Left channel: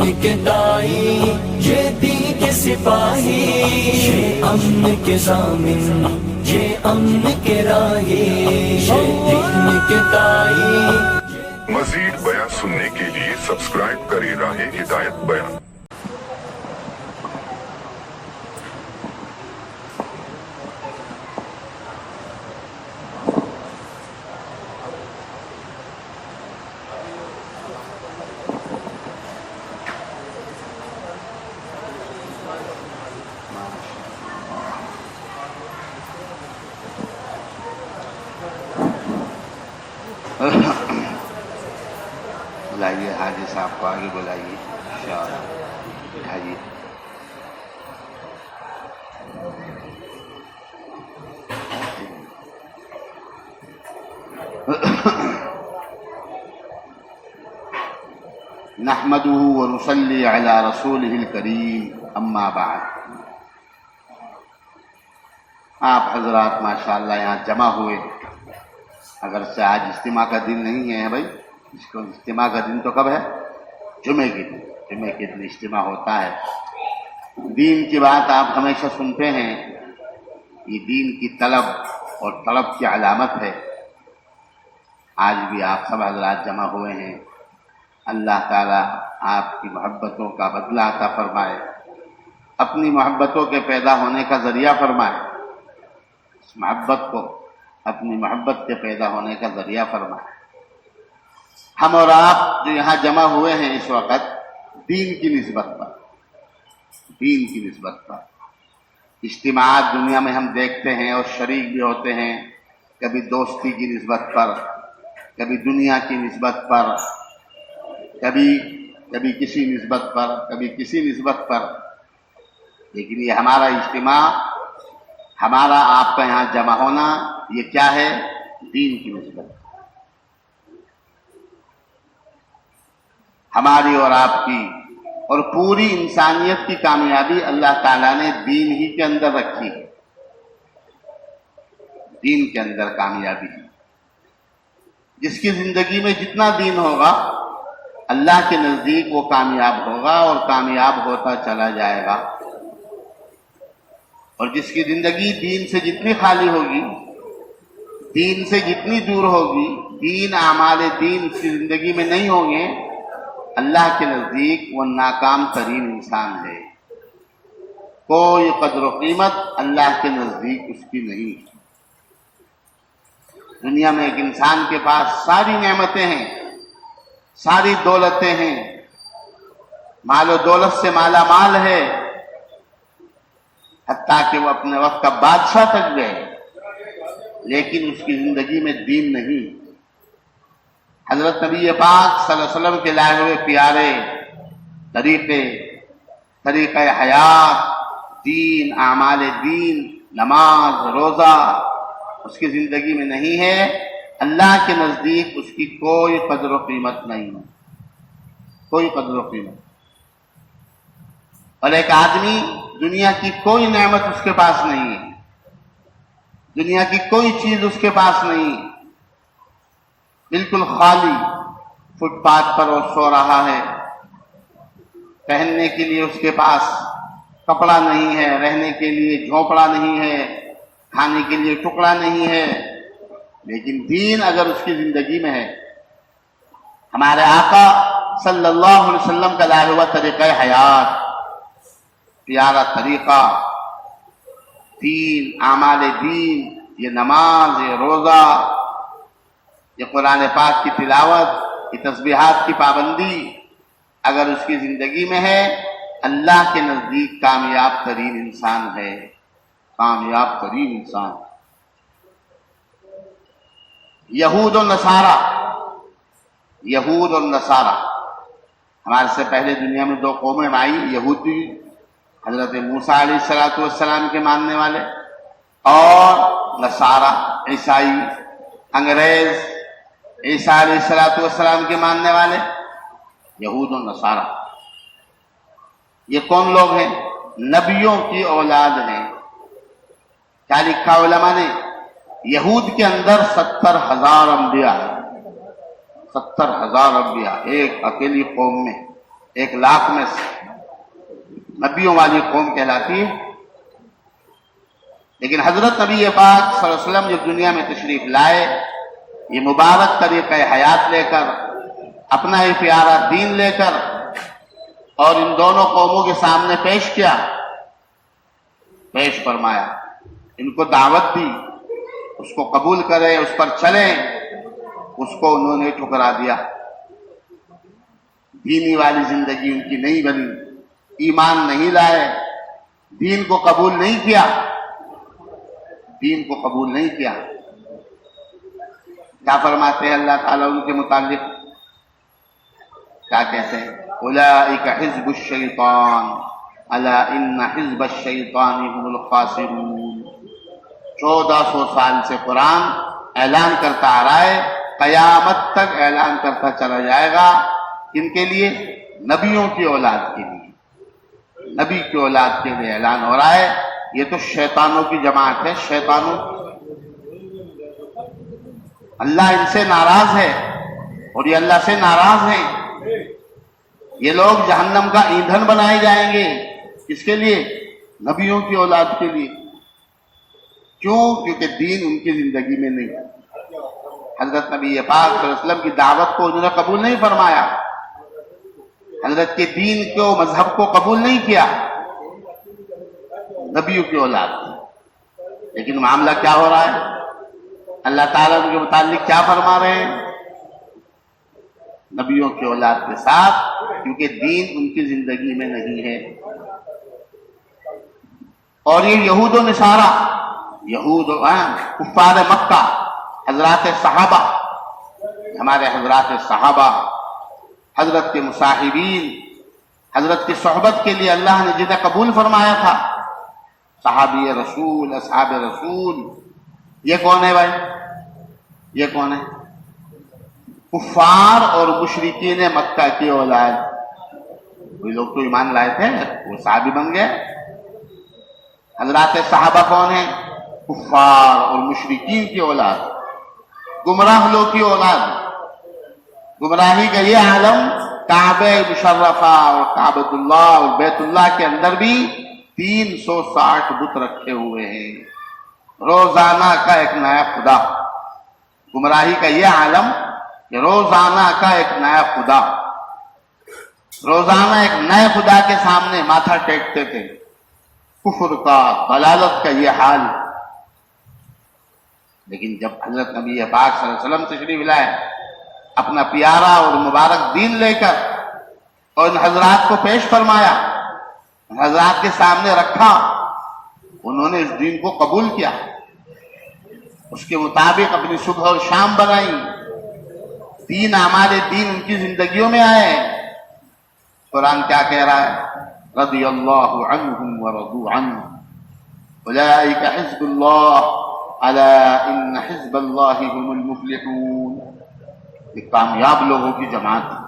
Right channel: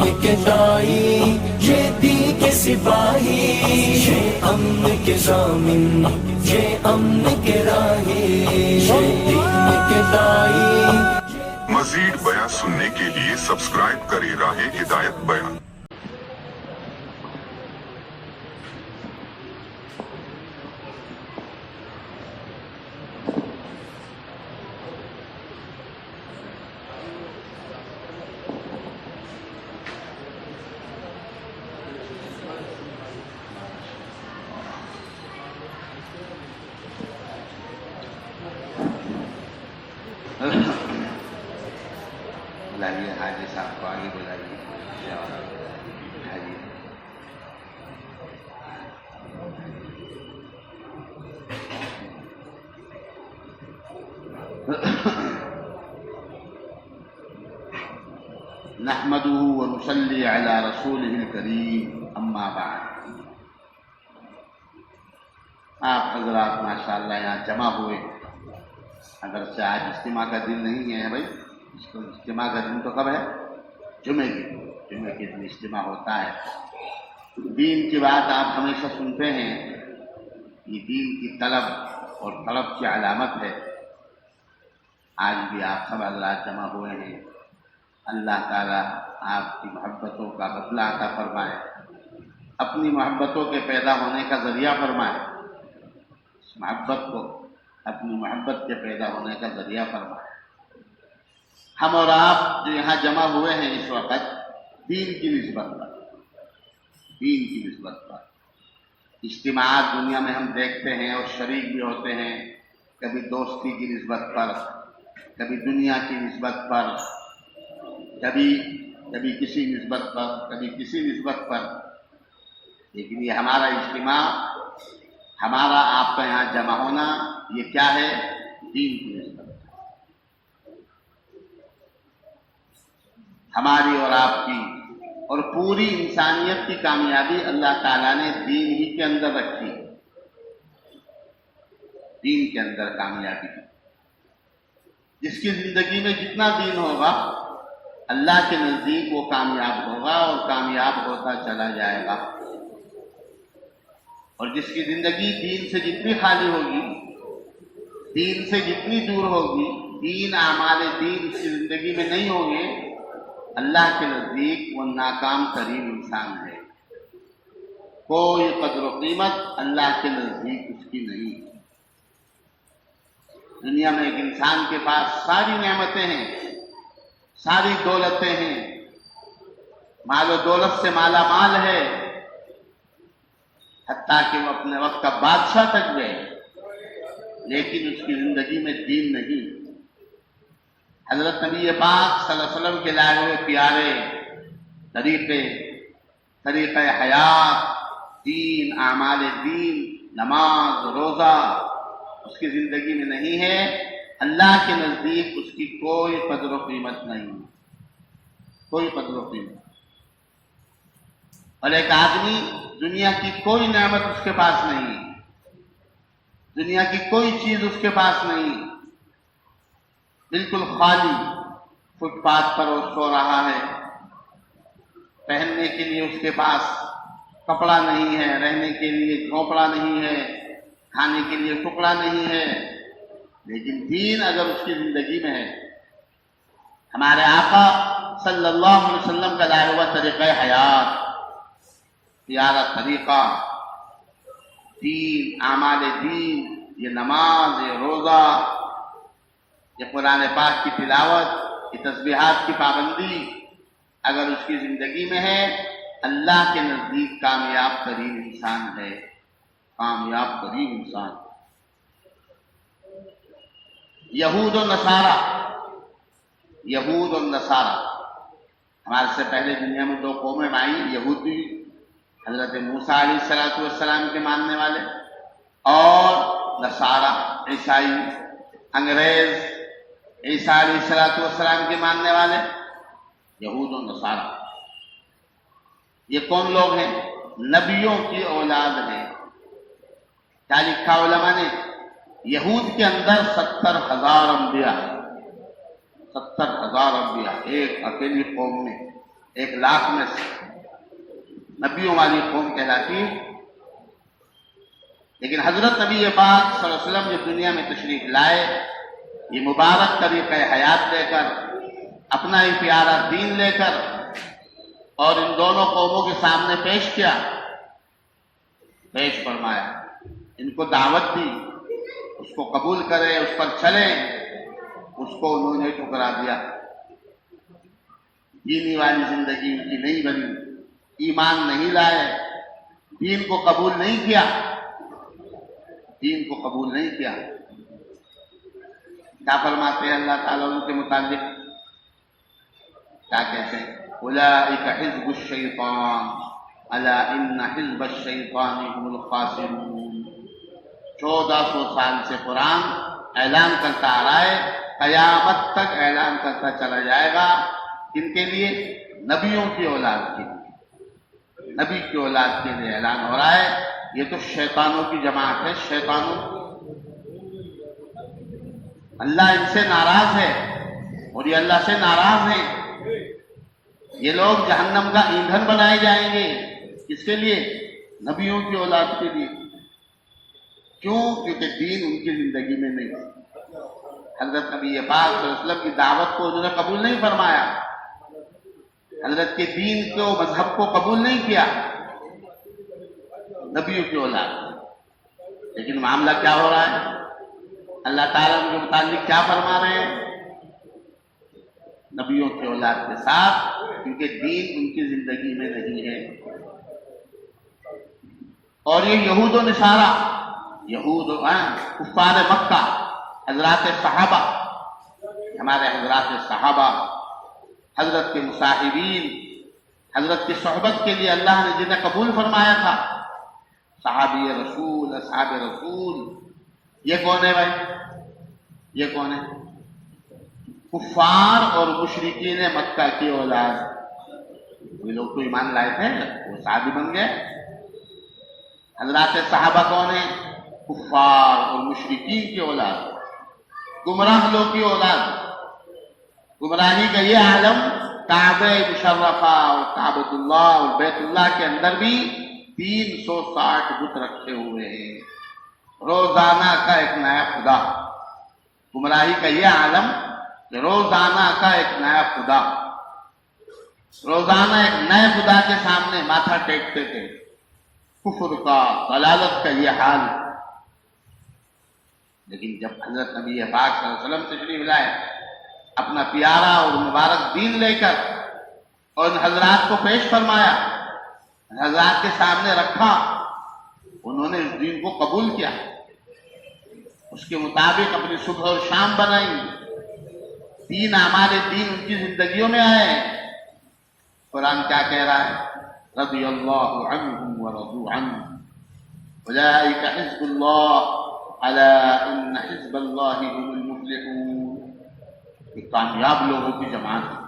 امن کے دائی، یہ دین کے سپاہی، یہ امن کے ضامن، یہ امن کے راہی، یہ دین کے دائی۔ مزید بیان سننے کے لیے سبسکرائب کریں راہ ہدایت بیان۔ بلائیے حاجی صاحب کو آگے بلائیے انشاءاللہ۔ اٹھائیے۔ نحمده ونصلي على رسوله الكريم اما بعد۔ آپ حضرات ماشاءاللہ یہاں جمع ہوئے، اگرچہ آج اجتماع کا دن نہیں ہے بھائی، اس کو اجتماع کا دن تو کب ہے؟ جمعے کے دن، جمعے کے دن اجتماع ہوتا ہے۔ دین کی بات آپ ہمیشہ سنتے ہیں، یہ دین کی طلب اور طلب کی علامت ہے۔ آج بھی آپ سب حضرات جمع ہوئے ہیں، اللہ تعالیٰ آپ کی محبتوں کا بدلہ عطا فرمائے، اپنی محبتوں کے پیدا ہونے کا ذریعہ فرمائے، اس محبت کو اپنی محبت کے پیدا ہونے کا ذریعہ فرمائے۔ ہم اور آپ جو یہاں جمع ہوئے ہیں اس وقت دین کی نسبت پر، دین کی نسبت پر اجتماعات دنیا میں ہم دیکھتے ہیں اور شریک بھی ہوتے ہیں، کبھی دوستی کی نسبت پر، کبھی دنیا کی نسبت پر، کبھی کسی نسبت پر، کبھی کسی نسبت پر، لیکن یہ ہمارا اجتماع، ہمارا آپ کا یہاں جمع ہونا، یہ کیا ہے؟ دین کی نسبت۔ ہماری اور آپ کی اور پوری انسانیت کی کامیابی اللہ تعالیٰ نے دین ہی کے اندر رکھی ہے، دین کے اندر کامیابی ہے۔ جس کی زندگی میں جتنا دین ہوگا اللہ کے نزدیک وہ کامیاب ہوگا اور کامیاب ہوتا چلا جائے گا، اور جس کی زندگی دین سے جتنی خالی ہوگی، دین سے جتنی دور ہوگی، دین اعمال دین اس کی زندگی میں نہیں ہوں گے، اللہ کے نزدیک وہ ناکام ترین انسان ہے، کوئی قدر و قیمت اللہ کے نزدیک اس کی نہیں۔ دنیا میں ایک انسان کے پاس ساری نعمتیں ہیں، ساری دولتیں ہیں، مال و دولت سے مالا مال ہے، حتیٰ کہ وہ اپنے وقت کا بادشاہ تک گئے، لیکن اس کی زندگی میں دین نہیں۔ حضرت نبی پاک صلی اللہ علیہ وسلم کے لائے ہوئے پیارے طریقہ حیات، دین، اعمال دین، نماز، روزہ اس کی زندگی میں نہیں ہے، اللہ کے نزدیک اس کی کوئی قدر و قیمت نہیں، کوئی قدر و قیمت۔ اور ایک آدمی دنیا کی کوئی نعمت اس کے پاس نہیں ہے، دنیا کی کوئی چیز اس کے پاس نہیں، بالکل خالی، فٹ پاتھ پر وہ سو رہا ہے، پہننے کے لیے اس کے پاس کپڑا نہیں ہے، رہنے کے لیے جھونپڑا نہیں ہے، کھانے کے لیے ٹکڑا نہیں ہے، لیکن دین اگر اس کی زندگی میں ہے، ہمارے آقا صلی اللہ علیہ وسلم کا لایا ہوا طریقہ حیات، پیارا طریقہ، دین، اعمال دین، یہ نماز، یہ روزہ، یہ قرآن پاک کی تلاوت، یہ تسبیحات کی پابندی اگر اس کی زندگی میں ہے، اللہ کے نزدیک کامیاب ترین انسان ہے، کامیاب ترین انسان۔ یہود اور نصارہ، یہود اور نصارہ، ہمارے سے پہلے دنیا میں دو قومیں آئی، یہودی حضرت موسیٰ علیہ السلام کے ماننے والے، اور نصارہ عیسائی، انگریز عیسیٰ علیہ السلام کے ماننے والے، یہود اور نصارہ۔ یہ کون لوگ ہیں؟ نبیوں کی اولاد ہیں۔ کیا لکھا علماء نے؟ یہود کے اندر 70,000 انبیاء ہیں، 70,000 انبیاء ایک اکیلی قوم میں، 1,00,000 میں سے نبیوں والی قوم کہلاتی ہے. لیکن حضرت نبی پاک صلی اللہ علیہ وسلم جو دنیا میں تشریف لائے، یہ مبارک طریقہ حیات لے کر، اپنا یہ پیارا دین لے کر، اور ان دونوں قوموں کے سامنے پیش فرمایا، ان کو دعوت دی، اس کو قبول کرے، اس پر چلیں. اس کو انہوں نے ٹھکرا دیا. دینی والی زندگی ان کی نہیں بنی، ایمان نہیں لائے، دین کو قبول نہیں کیا. کیا فرماتے ہیں اللہ تعالیٰ ان کے متعلق؟ کیا کہتے ہیں؟ اولئک حزب الشیطان الا ان حزب الشیطان هم الخاسرون. 1400 سال سے قرآن اعلان کرتا آ رہا ہے، قیامت تک اعلان کرتا چلا جائے گا. کن کے لیے؟ نبیوں کی اولاد کے لیے. نبی کی اولاد کے لیے اعلان ہو رہا ہے. یہ تو شیطانوں کی جماعت ہے. شیطانوں، اللہ ان سے ناراض ہے اور یہ اللہ سے ناراض ہیں. یہ لوگ جہنم کا ایندھن بنائے جائیں گے. کس کے لیے؟ نبیوں کی اولاد کے لیے. کیوں؟ کیونکہ دین ان کی زندگی میں نہیں. حضرت نبی پاک صلی اللہ علیہ وسلم کی دعوت کو انہوں نے قبول نہیں فرمایا، حضرت کے دین کو، مذہب کو قبول نہیں کیا. نبیوں کی اولاد. لیکن معاملہ کیا ہو رہا ہے؟ اللہ تعالیٰ ان کے متعلق کیا فرما رہے ہیں؟ نبیوں کی اولاد کے ساتھ، کیونکہ دین ان کی زندگی میں نہیں ہے. اور یہ یہود و نصارہ، کفار مکہ، حضرات صحابہ، ہمارے حضرات صحابہ، حضرت کے مصاحبین، حضرت کی صحبت کے لیے اللہ نے جنہیں قبول فرمایا تھا، صحابی رسول، اصحاب رسول. یہ کون ہے بھائی؟ یہ کون ہے؟ کفار اور مشرکین مکہ کی اولاد. وہ لوگ تو ایمان لائے تھے، وہ صحابی بن گئے. حضرات صحابہ کون ہیں؟ کفار اور مشرکین کی اولاد، گمراہ لوگ کی اولاد. گمراہی کا یہ عالم کعبہ مشرفہ اور کعبۃ اللہ اور بیت اللہ کے اندر بھی 360 بت رکھے ہوئے ہیں. روزانہ کا ایک نیا خدا. گمراہی کا یہ عالم کہ روزانہ کا ایک نیا خدا، روزانہ ایک نئے خدا کے سامنے ماتھا ٹیکتے تھے. کفر کا، ضلالت کا یہ حال. لیکن جب حضرت نبی پاک صلی اللہ علیہ وسلم تشریف لائے، اپنا پیارا اور مبارک دین لے کر، اور ان حضرات کو پیش فرمایا، حضرات کے سامنے رکھا، انہوں نے اس دین کو قبول کیا، اس کے مطابق اپنی صبح اور شام بنائی. دین، ہمارے دین ان کی زندگیوں میں آئے. قرآن کیا کہہ رہا ہے؟ رضی اللہ عنہم ورضوا عنہ اولئک حزب اللہ الا ان حزب اللہ هم المفلحون. یہ کامیاب لوگوں کی جماعت ہے،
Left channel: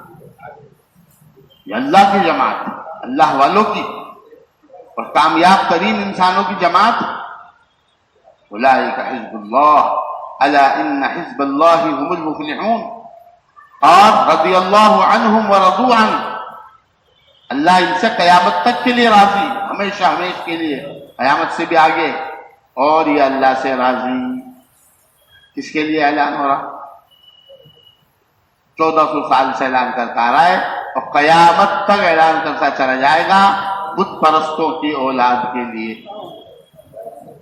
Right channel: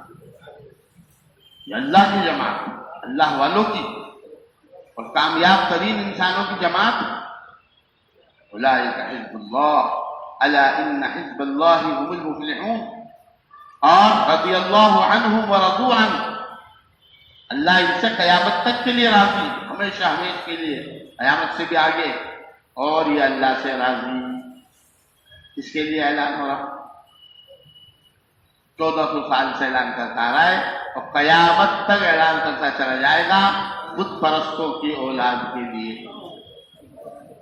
یہ اللہ کی جماعت ہے، اللہ والوں کی اور کامیاب ترین انسانوں کی جماعت. اولئک حزب اللہ الا ان حزب اللہ هم المفلحون. اور رضی اللہ عنہم ورضوا عنہ، اللہ ان سے قیامت تک کے لیے راضی، ہمیشہ ہمیشہ کے لیے، قیامت سے بھی آگے. اور یہ اللہ سے راضی. کس کے لیے اعلان ہو رہا؟ 1400 سال سے اعلان کرتا آ رہا ہے اور قیامت تک اعلان کرتا چلا جائے گا. بت پرستوں کی اولاد کے لیے.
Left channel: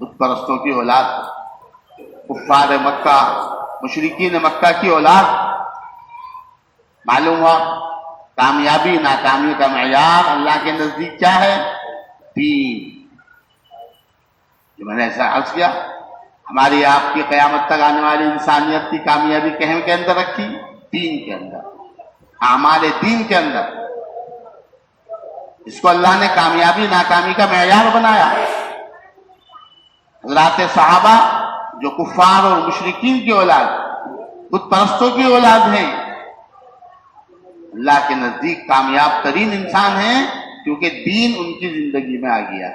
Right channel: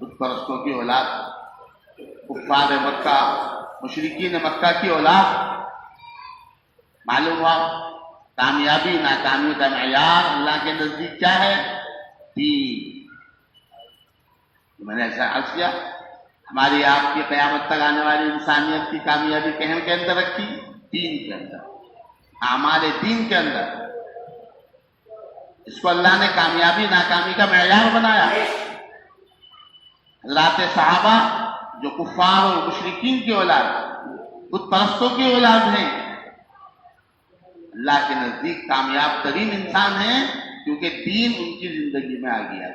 بت پرستوں کی اولاد، کفار مکہ، مشرکین مکہ کی اولاد. معلوم ہوا کامیابی ناکامی کا معیار اللہ کے نزدیک کیا ہے؟ دین. جو میں نے ایسا عرض کیا، ہماری آپ کی قیامت تک آنے والی انسانیت کی کامیابی کہیں کے اندر رکھی؟ دین کے اندر، اعمال دین کے اندر. اس کو اللہ نے کامیابی ناکامی کا معیار بنایا. حضرات صحابہ جو کفار اور مشرکین کی اولاد، بت پرستوں کی اولاد ہیں، اللہ کے نزدیک کامیاب ترین انسان ہیں، کیونکہ دین ان کی زندگی میں آ گیا.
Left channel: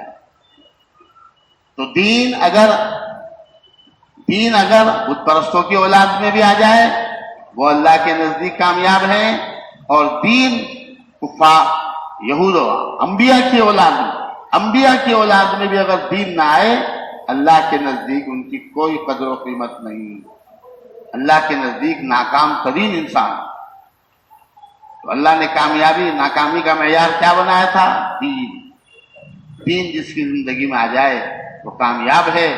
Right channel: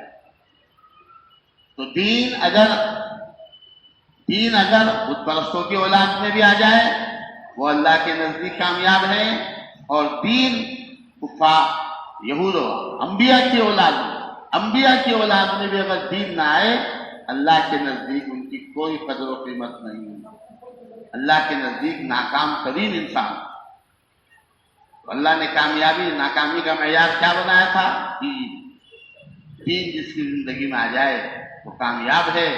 تو دین اگر بت پرستوں کی اولاد میں بھی آ جائے، وہ اللہ کے نزدیک کامیاب ہیں. اور دین کفار یہود و انبیاء کی اولاد میں بھی اگر دین نہ آئے، اللہ کے نزدیک ان کی کوئی قدر و قیمت نہیں، اللہ کے نزدیک ناکام ترین انسان۔ تو اللہ نے ناکامی کا معیار کیا بنایا تھا؟ دین جس کی زندگی میں آ جائے وہ کامیاب ہے،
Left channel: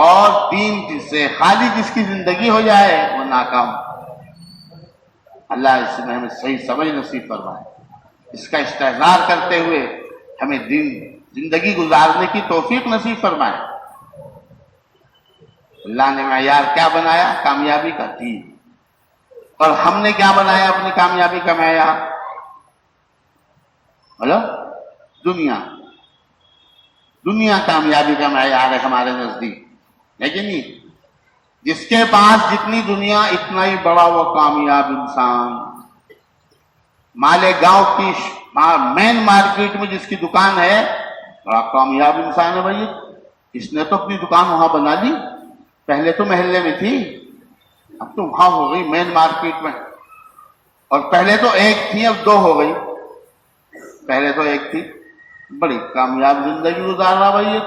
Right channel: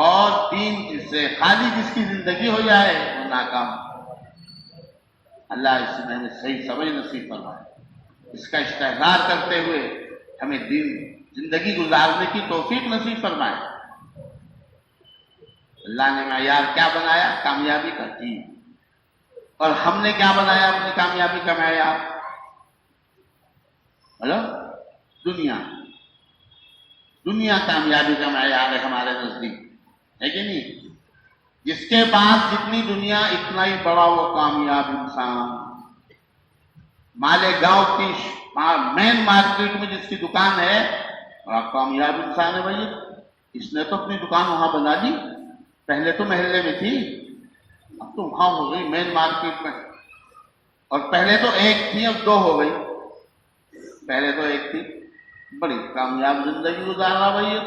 اور دین سے خالی جس کی زندگی ہو جائے وہ ناکام۔ اللہ اس میں ہمیں صحیح سمجھ نصیب فرمائے، اس کا استحضار کرتے ہوئے ہمیں زندگی گزارنے کی توفیق نصیب فرمائے۔ اللہ نے معیار کیا بنایا کامیابی کا؟ دین۔ اور ہم نے کیا بنایا اپنی کامیابی کا معیار؟ بولو، دنیا کامیابی کا معیار ہے ہمارے نزدیک، لیکن نہیں، جس کے پاس جتنی دنیا اتنا ہی بڑا وہ کامیاب انسان۔ مالے گاؤں کی مین مارکیٹ میں جس کی دکان ہے بڑا کامیاب انسان ہے بھائی، اس نے تو اپنی دکان وہاں بنا لی، پہلے تو محلے میں تھی، اب تو وہاں ہو گئی مین مارکیٹ میں، اور پہلے تو ایک تھی اب دو ہو گئی، پہلے تو ایک تھی۔ بڑی کامیاب زندگی گزار رہا بھائی،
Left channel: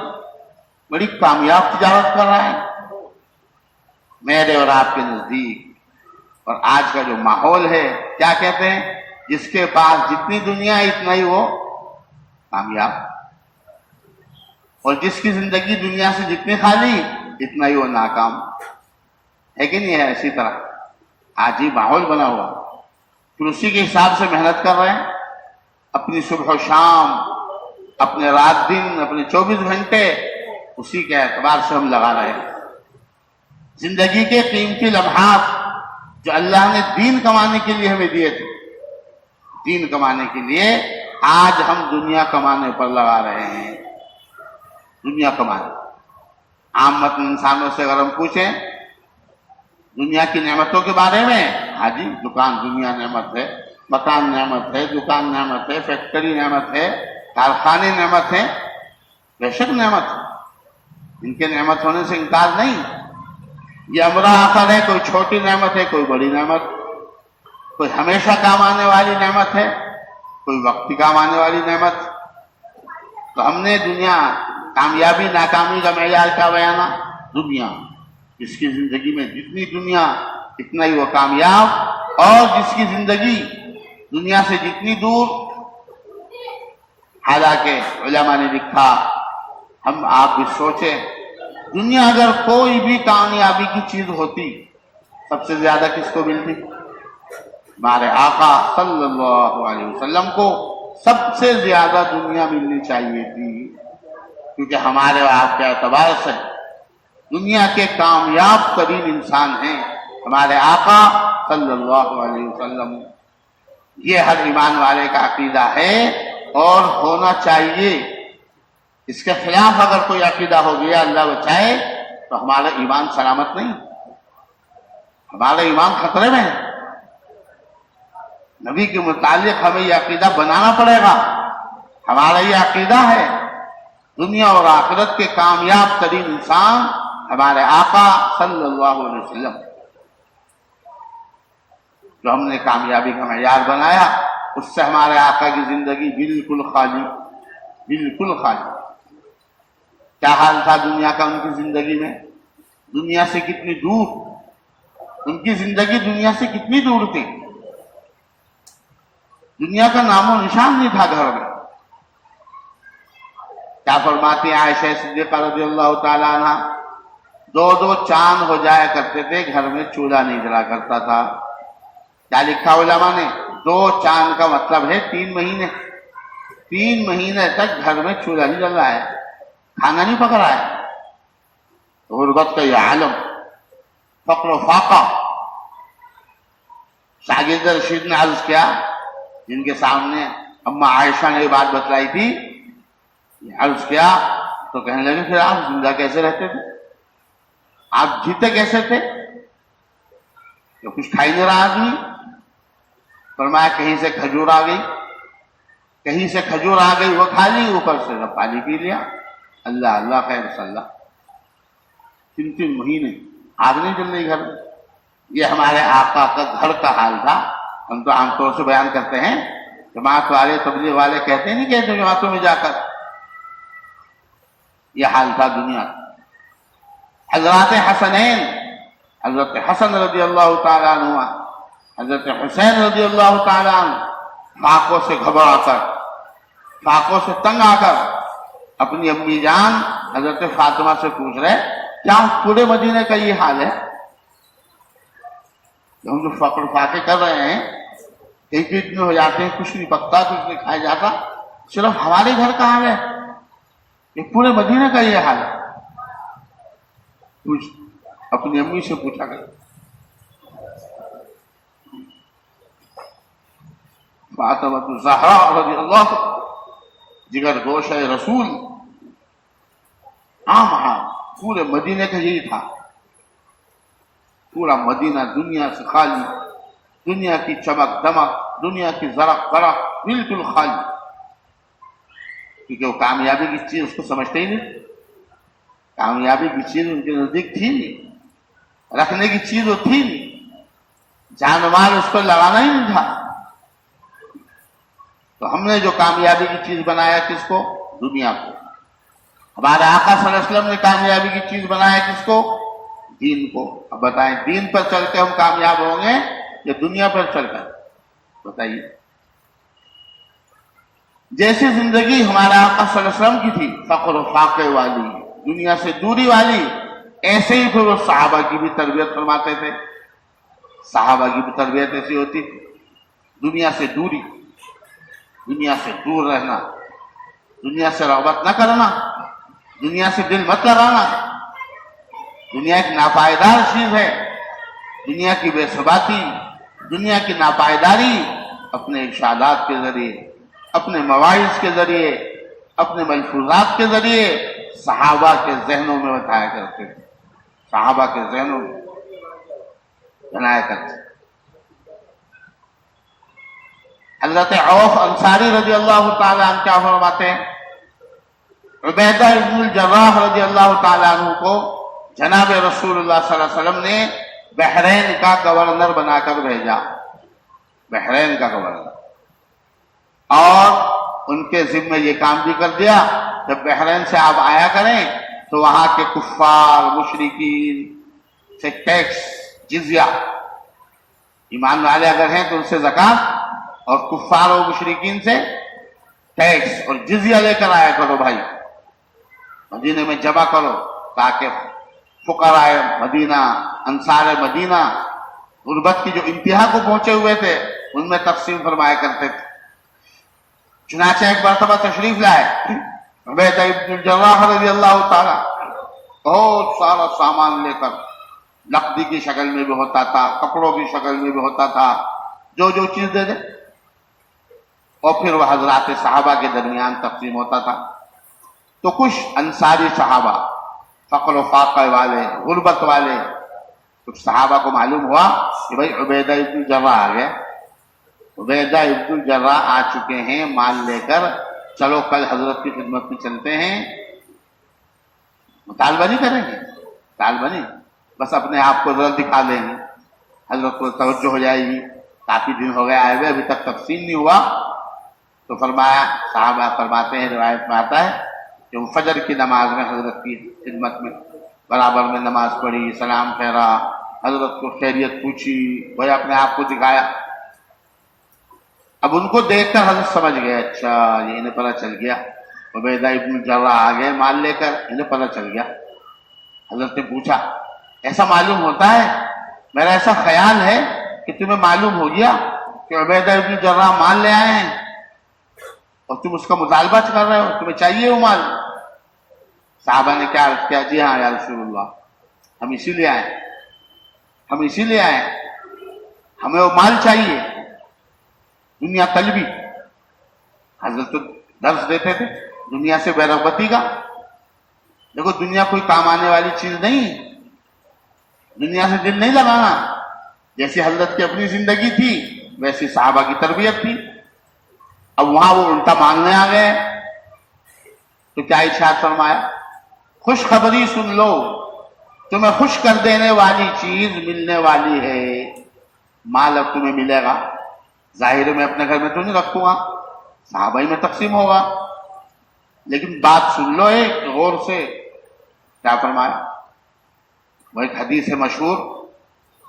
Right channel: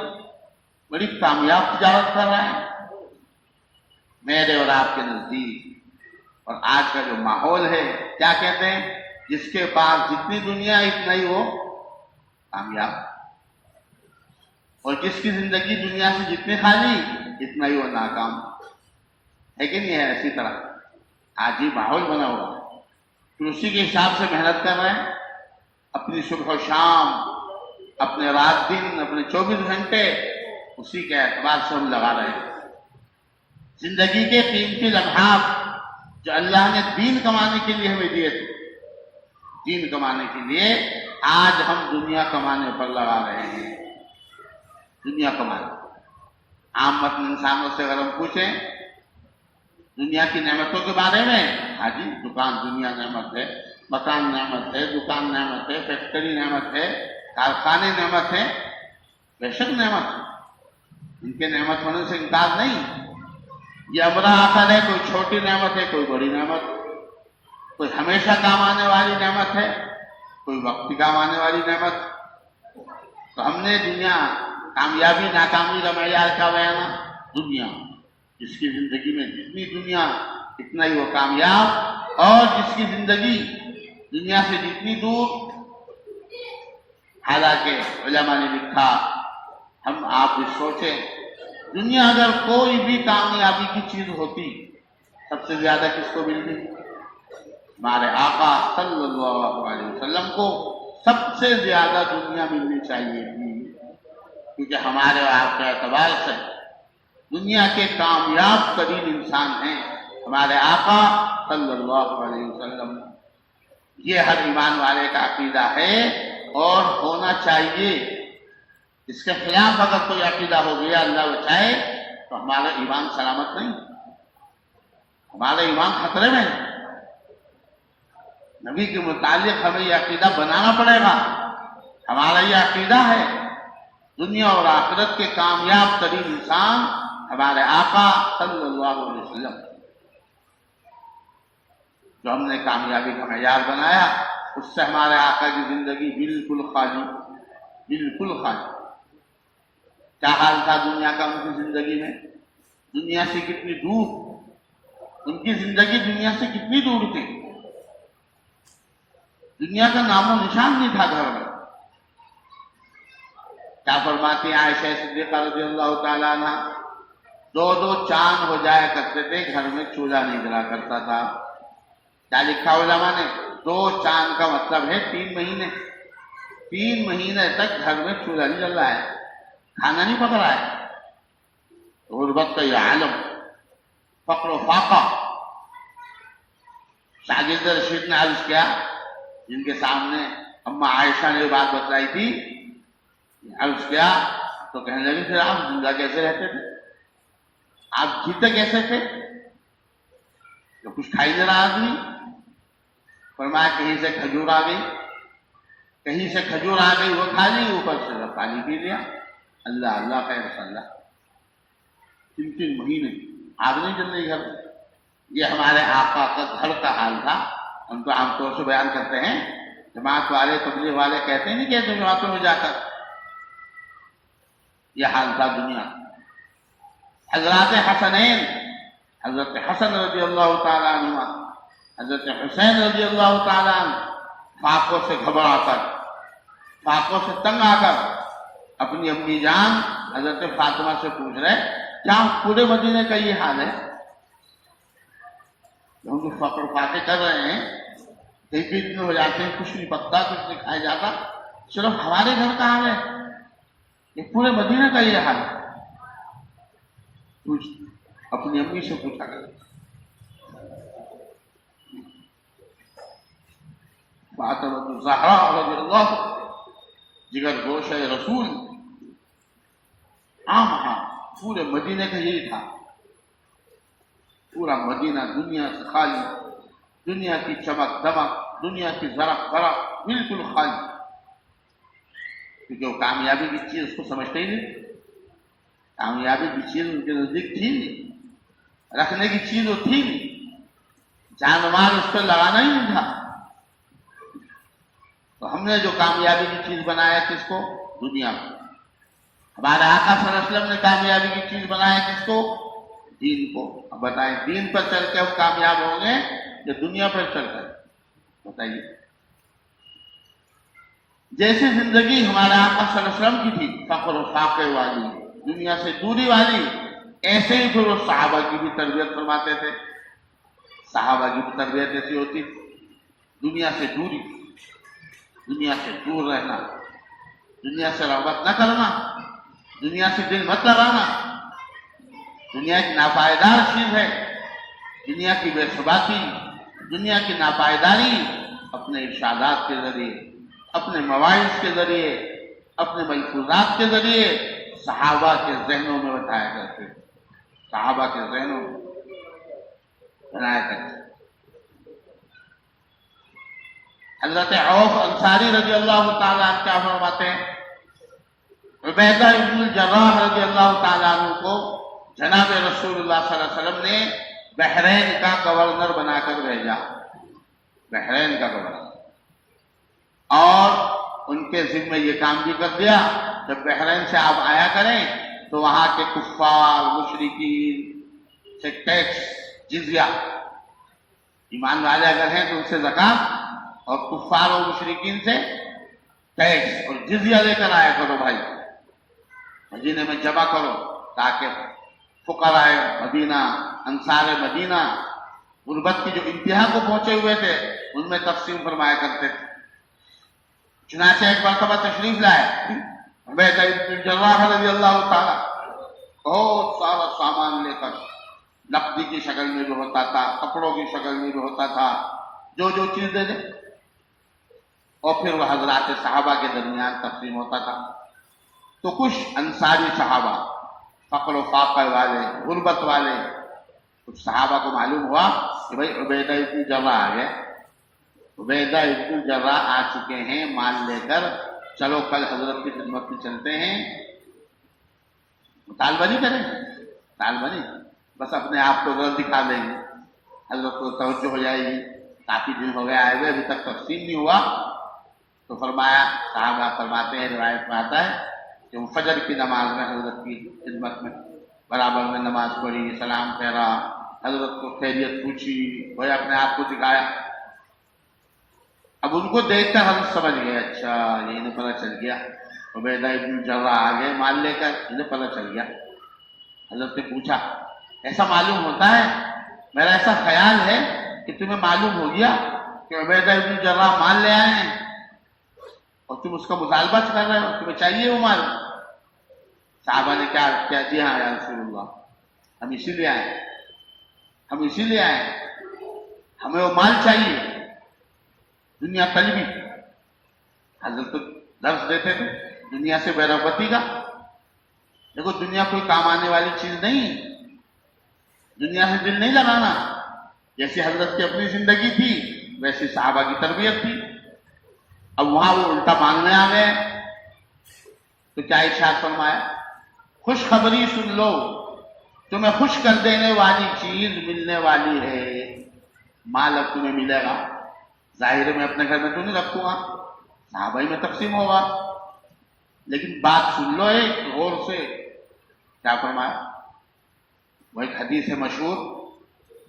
بڑی کامیاب تجارت کر رہا ہے میرے اور آپ کے نزدیک۔ اور آج کا جو ماحول ہے کیا کہتے ہیں؟ جس کے پاس جتنی دنیا اتنا ہی وہ کامیاب، اور جس کی زندگی دنیا سے جتنی خالی اتنا ہی وہ ناکام ہے کہ نہیں ہے؟ اسی طرح آج ہی ماحول بنا ہوا، پھر اسی کے حساب سے محنت کر رہے ہیں، اپنی صبح و شام، اپنے رات دن، اپنے 24 گھنٹے اسی کے اعتبار سے ہم لگا رہے ہیں۔ زندگی کے قیمتی لمحات جو اللہ نے دین کمانے کے لیے ہمیں دیے تھے، دین کمانے کے لیے آج ہم دنیا کمانے پر لگا رہے ہیں۔ دنیا کمانے، عامت انسانوں سے اگر ہم پوچھیں دنیا کی نعمتوں کے بارے میں، ہاں جی، دکان دنیا نعمت ہے، مکان نعمت ہے، دکان نعمت ہے، فیکٹری نعمت ہے، کارخانے نعمت ہے، بے شک نعمت ہے، ان کے نعمت ہونے سے انکار نہیں۔ یہ امر آخر ہے، کوئی چھوٹی نعمت ہے، کوئی بڑی نعمت، کوئی ہمیشہ کام آنے والی نعمت ہے، کوئی وقتی کام آنے والی نعمت۔ تو ہم نے دنیا کامیابی ناکامی کا معیار کیا بیانا؟ دنیا، جس کی زندگی میں جتنی دنیا اتنا ہی وہ کامیاب، اور جس کی زندگی دنیا سے جتنی دور، حالانکہ علماء نے لکھا، ہم آپ بھی سوچیں، دنیا اگر کوئی بھی کامیابی کی چیز ہوتی سب سے زیادہ کس کو ملتی؟ ہمارے آقا صلی اللہ علیہ وسلم کو سب سے زیادہ دنیا ملنی چاہیے تھی، کیونکہ ہمارے اور آپ کے اعتبار سے دنیا کے کامیاب ترین انسان ہیں ہمارے آقا صلی اللہ علیہ وسلم۔ یہ ہر ایمان والے کا عقیدہ ہے اور ہونا چاہیے۔ اس کے خلاف اگر کوئی عقیدہ ہو گیا، اللہ بچائے، تو ہمارا ایمان سلامت نہیں، ہمارا ایمان خطرے میں ہے۔ نبی کے متعلق ہمیں یہ عقیدہ بنانا پڑے گا۔ ہمارا یہ عقیدہ ہے، دنیا اور آخرت کے کامیاب ترین انسان ہمارے آقا صلی اللہ علیہ وسلم، جو ہم نے کامیابی کا معیار بنایا، اس سے ہمارے آقا کی زندگی بالکل خالی، بالکل خالی۔ کیا حال تھا دنیا کا ان کی زندگی میں؟ دنیا سے کتنی دور، ان کی زندگی دنیا سے کتنی دور تھی، دنیا کا نام و نشان نہیں تھا گھر میں۔ کیا فرماتی ہیں عائشہ صدیقہ رضی اللہ تعالیٰ عنہ؟ 2 چاند ہو جایا کرتے تھے گھر میں، چولہا نہیں جلا کرتا تھا۔ کیا لکھا علماء نے؟ 2 چاند کا مطلب ہے 3 مہینے، 3 مہینے تک گھر میں چولہا نہیں جل رہا ہے، کھانا نہیں پک رہا ہے۔ غربت کا یہ عالم، فقر و فاقہ۔ شاگرد رشید نے عرض کیا، جن کے سامنے اما عائشہ نے یہ بات بتلائی تھی، عرض کیا تو کہنے لگے پھر آپ زندہ کیسے رہتے تھے، آپ جیتے کیسے تھے، کہ کچھ کھائی نہیں رہا آدمی؟ فرمایا کہیں سے کھجور آ گئی، کہیں سے کھجور آ گئی وہ کھا لی، اوپر سے پانی پی لیا، اللہ اللہ خیر صلی اللہ۔ 3 مہینے آگ نہیں جل رہی گھر میں۔ یہ ہمارے آقا کا گھر کا حال تھا۔ ہم تو عام طور سے بیان کرتے ہیں جماعت والے تبلیغ والے کہتے نہیں کہتے جماعتوں میں جا کر، یہ حال تھا دنیا کا۔ حضرات حسنین، حضرت حسن رضی اللہ تعالیٰ عنہ، حضرت حسین رضی اللہ تعالیٰ عنہ فاقوں سے گھبرا کر، فاقوں سے تنگ آ کر اپنی امی جان حضرت فاطمہ سے پوچھ رہے کیا پورے مدینے کا یہ حال ہے؟ ہم جو فقر فاقے کر رہے ہیں، ایک ایک میں ہو جاتے ہیں، کچھ نہیں پکتا، کچھ نہیں کھایا جاتا، صرف ہمارے گھر کا حال ہے، یہ پورے مدینے کا یہ حال ہے۔ اپنی امی سے پوچھا گیا۔ فاطمہ الزہرا رضی اللہ، جگر گوش رسول، عام حال پورے مدینے کا یہی تھا۔ پورا مدینہ دنیا سے خالی، دنیا کی چمک دمک، دنیا کی زرق برق بالکل خالی، کیونکہ وہ کامیابی کی چیز اس کو سمجھتے ہی نہیں، کامیابی کی چیز ان کے نزدیک تھی نہیں، رکھنے کی چیز وہ تھی نہیں، جان و مال اس پر لگانا ہی نہیں تھا۔ تو ہم نے جو کامیابی کی چیز بنایا کس کو؟ دنیا کو۔ ہمارے آقا صلی اللہ علیہ وسلم نے کامیابی کی چیز بنایا کس کو؟ دین کو۔ اب بتائیں دین پر چل کے ہم کامیاب ہوں گے یا دنیا پر چل کر؟ بتائیے۔ جیسی زندگی ہمارے آقا صلی اللہ علیہ وسلم کی تھی، فقر و فاقے والی، دنیا سے دوری والی، ایسے ہی پھر وہ صحابہ کی بھی تربیت فرماتے تھے۔ صحابہ کی بھی تربیت ایسی ہوتی، دنیا سے دوری، دنیا سے دور رہنا، دنیا سے رغبت نہ کرنا، دنیا سے دل مت لگانا۔ دنیا ایک ناپائیدار چیز ہے، دنیا کی بے ثباتی، دنیا کی ناپائیداری اپنے ارشادات کے ذریعے، اپنے مواعظ کے ذریعے، اپنے ملفوظات کے ذریعے صحابہ کے ذہنوں میں بتایا کرتے تھے، صحابہ کے ذہنوں میں بنایا کرتے۔ حضرت عوف انصاری رضی اللہ تعالیٰ عنہ کیا فرماتے ہیں؟ عبیدہ ابن الجراح رضی اللہ تعالیٰ عنہ کو جناب رسول اللہ صلی اللہ علیہ وسلم نے بحرین کا گورنر بنا کر بھیجا، بحرین کا گورنر، اور ان کے ذمہ یہ کام بھی کر دیا جب بحرین سے آپ آیا کریں تو وہاں کے کفار مشرکین سے ٹیکس، جزیہ، ایمان والے اگر ہیں تو ان سے زکوٰۃ، اور کفار و مشرکین سے ٹیکس اور جزیہ لے کر آیا کرو بھائی، مدینے میں جمع کرو، تاکہ فقراء مدینہ، انصار مدینہ غربت کی جو انتہا کو پہنچے ہوئے تھے ان میں تقسیم فرمایا کرتے تھے۔ چنانچہ ایک مرتبہ تشریف لائے عبیدہ ابن الجراح رضی اللہ تعالیٰ، بہت سارا سامان لے کر، لکڑی کی شکل میں بھی ہوتا تھا، کپڑوں کی شکل میں بھی ہوتا تھا، جو چیز دے دے، اور پھر وہ حضرات صحابہ کے درمیان تقسیم ہوتا تھا۔ تو کچھ انصاری صحابہ، فقر و فاقہ والے، غربت والے، کچھ صحابہ کو معلوم ہوا کہ بھائی عبیدہ ابن الجراح آ گئے، عبیدہ ابن الجراح آ چکے ہیں مال لے کر، چلو کل حضرت کی خدمت میں چلتے ہیں، مطالبہ نہیں کریں گے، مطالبہ نہیں، بس اپنے آپ کو ذرا دکھا دیں گے، حضرت کو توجہ ہو جائے گی، کافی دن ہو گئے آئے ہوئے، ابھی تک تقسیم نہیں ہوا۔ تو فرمایا، صحابہ فرماتے ہیں، روایت میں آتا ہے کہ وہ فجر کی نماز میں حضرت کی خدمت میں برابر میں نماز پڑھی، سلام پھیرا، حضرت کو خیریت پوچھی، وہ اپنے آپ کو دکھایا۔ اب ان کو دیکھ کر حضرت سمجھ گئے، اچھا یہ انہیں پتہ چل گیا عبیدہ ابن الجراح آ گئے مال لے کر، انہیں پتہ چل گیا۔ حضرت نے پوچھا، ایسا معلوم ہوتا ہے، میرا ایسا خیال ہے کہ تمہیں معلوم ہو گیا کہ عبیدہ ابن الجراح مال لے آئے ہیں اور تم اس کا مطالبہ کر رہے ہو، تمہیں چاہیے وہ مال؟ صحابہ نے کیا عرض کیا؟ جی ہاں یا رسول اللہ، ہم اسی لیے آئے، ہم اسی لیے آئے، ہمیں وہ مال چاہیے، دنیا طلبی۔ حضرت تو درس دیتے تھے دنیا سے بے رغبتی کا۔ دیکھو دنیا کوئی کام آنے والی چیز نہیں، دنیا سے دل نہیں لگانا۔ جیسی حضرت کی اپنی زندگی تھی ویسی صحابہ کی تربیت تھی۔ اب وہاں وہ الٹا مانگنے آ گئے تو کیا ارشاد فرمایا؟ خوشخبری سن لو، تمہیں خوش کر دینے والی چیز ملنے والی ہے، مال اب تمہیں ملے گا۔ ظاہر میں اپنے گھر میں تو نہیں رکھوں گا، صحابہ میں تقسیم ہوگا. لیکن بات سن لو ایک غور سے. کیا فرمایا؟ وہ ایک حدیث ہے مشہور،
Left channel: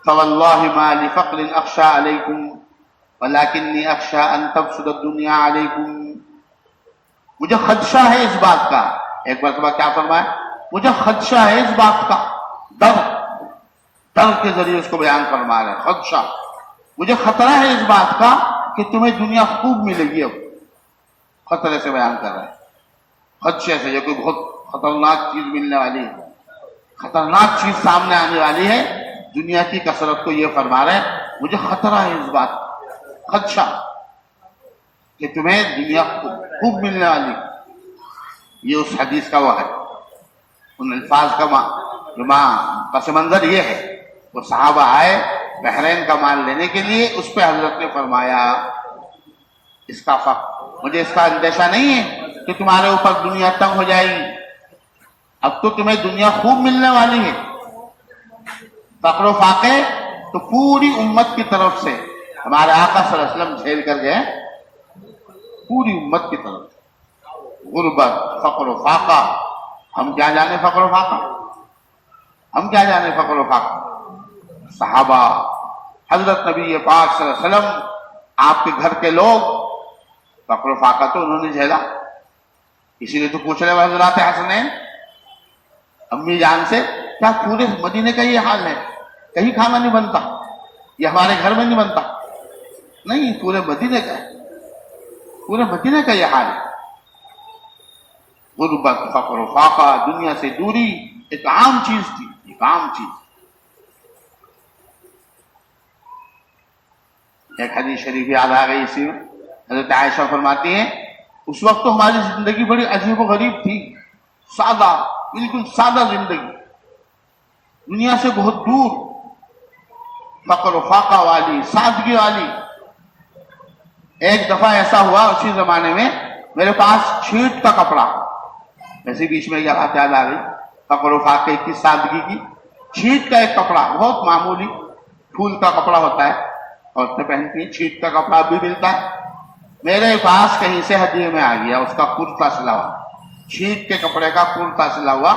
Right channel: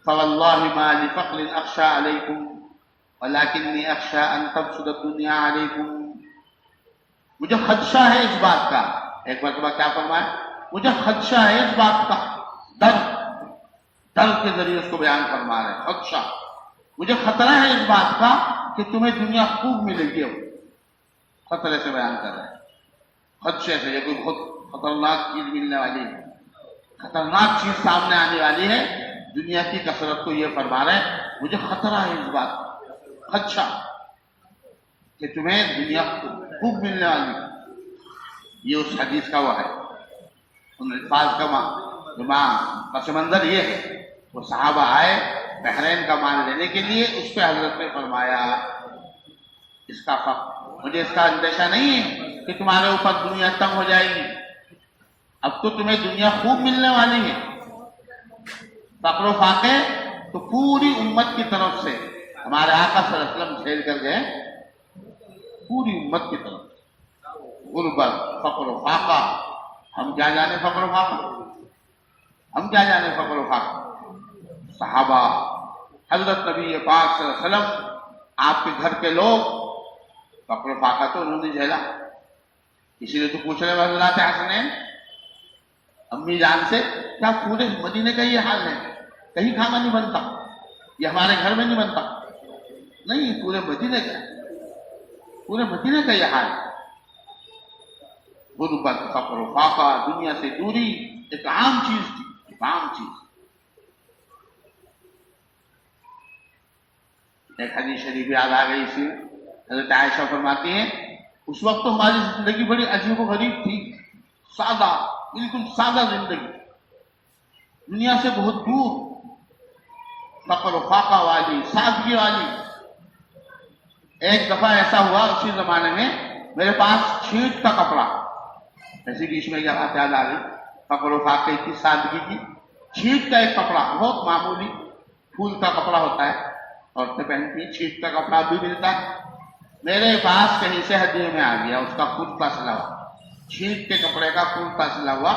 فواللہ ما لفقر اخشى علیکم ولکنی اخشى ان تبسط الدنیا علیکم. مجھے خدشہ ہے اس بات کا. ایک مرتبہ کیا فرمایا؟ مجھے خدشہ ہے اس بات کا. ڈر کے ذریعے اس کو بیان فرما رہے ہیں. خدشہ، مجھے خطرہ ہے اس بات کا کہ تمہیں دنیا خوب ملے گی. اب خطرے سے بیان کر رہے ہیں، خدشے سے. یہ کوئی بہت خطرناک چیز ملنے والی ہے، خطرناک چیز سامنے آنے والی ہے. دنیا کی کثرت کو یہ فرما رہے ہیں مجھے خطرہ ہے اس بات کا، خدشہ کہ تمہیں دنیا خوب ملنے والی. یہ اس حدیث کا وہ ہے. ان الفاظ کا جو پس منظر یہ ہے، وہ صحابہ آئے بحرین کا مال لینے کے لیے، اس پہ حضرت نے فرمایا اس کا مجھے اس کا اندیشہ نہیں ہے کہ تمہارے اوپر دنیا تنگ ہو جائے گی. اب تو تمہیں دنیا خوب ملنے والی ہے. فقر و فاقے تو پوری امت کی طرف سے ہمارے آقا صلی اللہ علیہ وسلم جھیل کر گئے، پوری امت کی طرف سے. غربت، فقر و فاقہ، ہم کیا جانے فقر و فاقہ، ہم کیا جانے فقر و فاقہ. صحابہ، حضرت نبی پاک صلی اللہ علیہ وسلم، آپ کے گھر کے لوگ، فقر و فاقہ تو انہوں نے جھیلا. اسی لیے تو پوچھ رہے ہیں حضرات حسنین امی جان سے، کیا پورے مدینے کا یہ حال ہے؟ کہیں کھانا نہیں بنتا، یہ ہمارے گھر میں نہیں بنتا؟ نہیں، پورے مدینے کا ہے، پورے مدینے کا یہ حال ہے. غربت، فقر و فاقہ، دنیا سے دوری ایک عام چیز تھی، ایک عام چیز. ایک حدیث شریف یاد آ گئی اسی میں. حضرت عائشہ فرماتی ہیں اس وقت تو ہماری زندگی بڑی عجیب و غریب تھی، سادہ، بالکل سادہ زندگی، دنیا سے بہت دور، فقر و فاقہ والی، سادگی والی. ایک دفعہ ایسا ہوا اسی زمانے میں، میرے پاس چھیٹ کا کپڑا، ایسے بیچ میں یہ بات یاد آ گئی فقر و فاقے کی، سادگی کی. چھیٹ کا ایک کپڑا، بہت معمولی پھول کا کپڑا ہوتا ہے، عورتیں پہنتی ہیں. چھیٹ کا کپڑا بھی ملتا ہے. میرے پاس کہیں سے ہدیے میں آ گیا، اس کا کرتا سلا ہوا، چھیٹ کے کپڑے کا کرتا سلا ہوا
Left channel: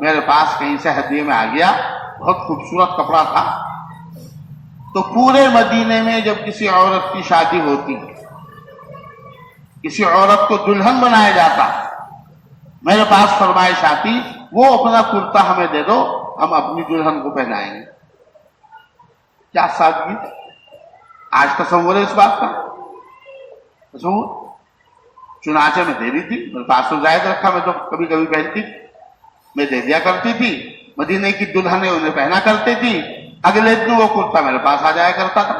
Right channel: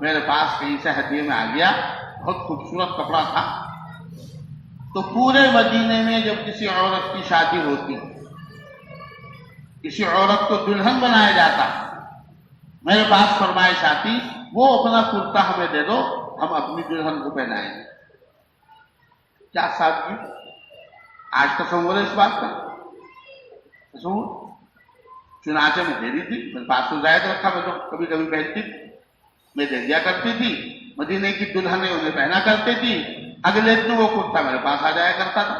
میرے پاس کہیں سے ہدیے میں آ گیا. بہت خوبصورت کپڑا تھا. تو پورے مدینے میں جب کسی عورت کی شادی ہوتی، کسی عورت کو دلہن بنایا جاتا، میرے پاس فرمائش آتی وہ اپنا کرتا ہمیں دے دو، ہم اپنی دلہن کو پہنائیں گے. کیا سادگی! آج تصور ہے اس بات کا؟ تصور. چنانچہ میں دے رہی تھی، میرے پاس تو زائد رکھا، میں تو کبھی کبھی پہنتی، میں دے دیا کرتی تھی. مدینے کی دلہنیں انہیں پہنا کرتی تھی، اگلے دن وہ کرتا میرے پاس آ جایا کرتا تھا.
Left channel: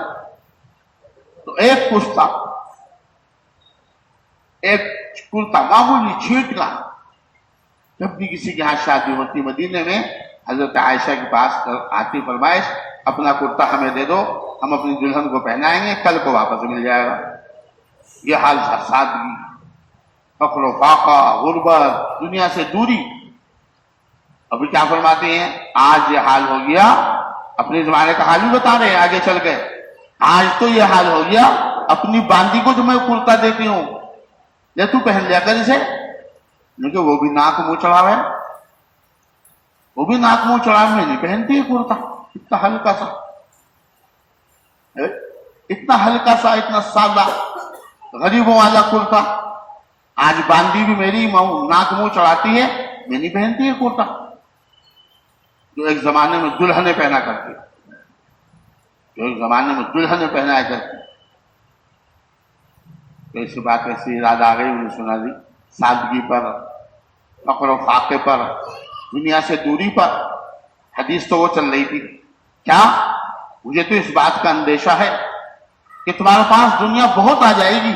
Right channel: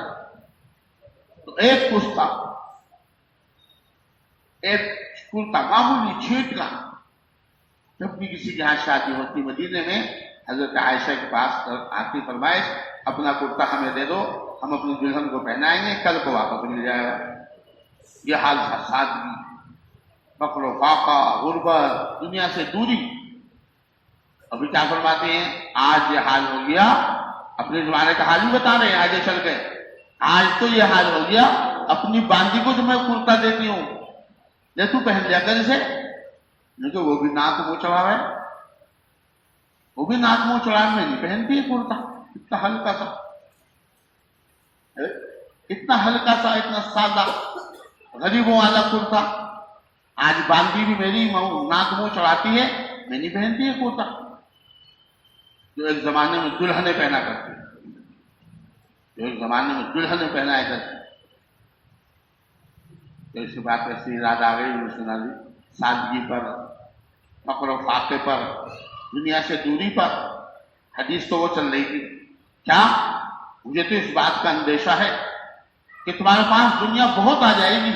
تو ایک کرتا، ایک کرتا معمولی چھیٹ کا، جب بھی کسی کے یہاں شادی ہوتی مدینے میں، حضرت عائشہ کے پاس آتی فرمائش اپنا کرتا ہمیں دے دو، ہم اپنی دلہن کو پہنائیں گے، کل کو واپس مل جائے گا. یہ حال تھا، سادگی، فقر و فاقہ، غربت، دنیا سے دوری. ابھی کیا فرماتے ہیں؟ آج یہ حال ہو گیا. اپنے زمانے کا حال ہی بتا رہے ہیں، آگے چل کے. آج تو یہ حال ہو گیا، اپنی باندی کو جو میں کرتا دیتی ہوں، لے تو پہن لیا کر اسے، کیونکہ وہ بھی ناک منہ چڑھا رہے، وہ بھی ناک منہ چڑھا، میں نہیں پہنتی ہے کرتا. اتنا ہلکا سا، اتنا ہلکا سا، اتنا سادہ غریبوں والا کرتا. آج باندی بھی میری ناک منہ چڑھاتی ہے، میں نہیں پہنتی ہے کرتا، جو ایک زمانے میں دلہنیں پہنا کرتی، جو ایک زمانے میں دلہنیں پہنایا کرتی. تو ایسی بات ایسی یاد آ گئی، انہوں نے سنا دی. سادگی پر، فقر و فاقے پر، دنیا سے دوری پر حدیث تو وہ چل رہی تھی. کیا مجھے تو اس بات کا اندیشہ ہے کہ تمہارے پاس دنیا بہت آ جائے گی،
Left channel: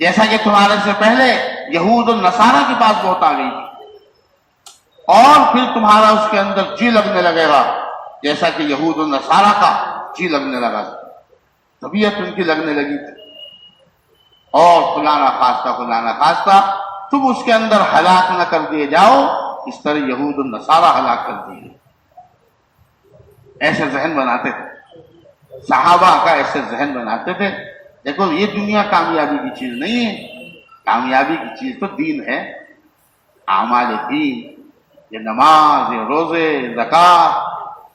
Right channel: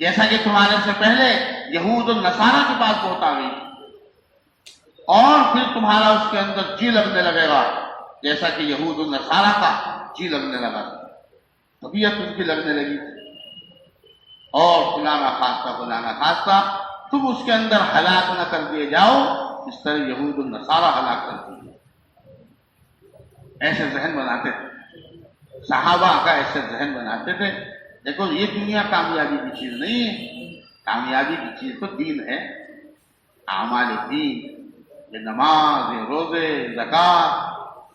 جیسا کہ تمہارے سے پہلے یہود اور نصارہ کے پاس بہت آ گئی، اور پھر تمہارا اس کے اندر جی لگنے لگے گا جیسا کہ یہود اور نصارہ کا جی لگنے لگا، طبیعت ان کی لگنے لگی تھی. اور خدا نہ خواستہ تم اس کے اندر ہلاک نہ کر دیے جاؤ اس طرح یہود اور نصارہ ہلاک کر دیے. ایسے ذہن بناتے تھے صحابہ کا، ایسے ذہن بناتے تھے. دیکھو یہ دنیا کامیابی کی چیز نہیں ہے، کامیابی کی چیز تو دین ہے، اعمال دین، یہ نماز، یہ روزے، زکوٰۃ،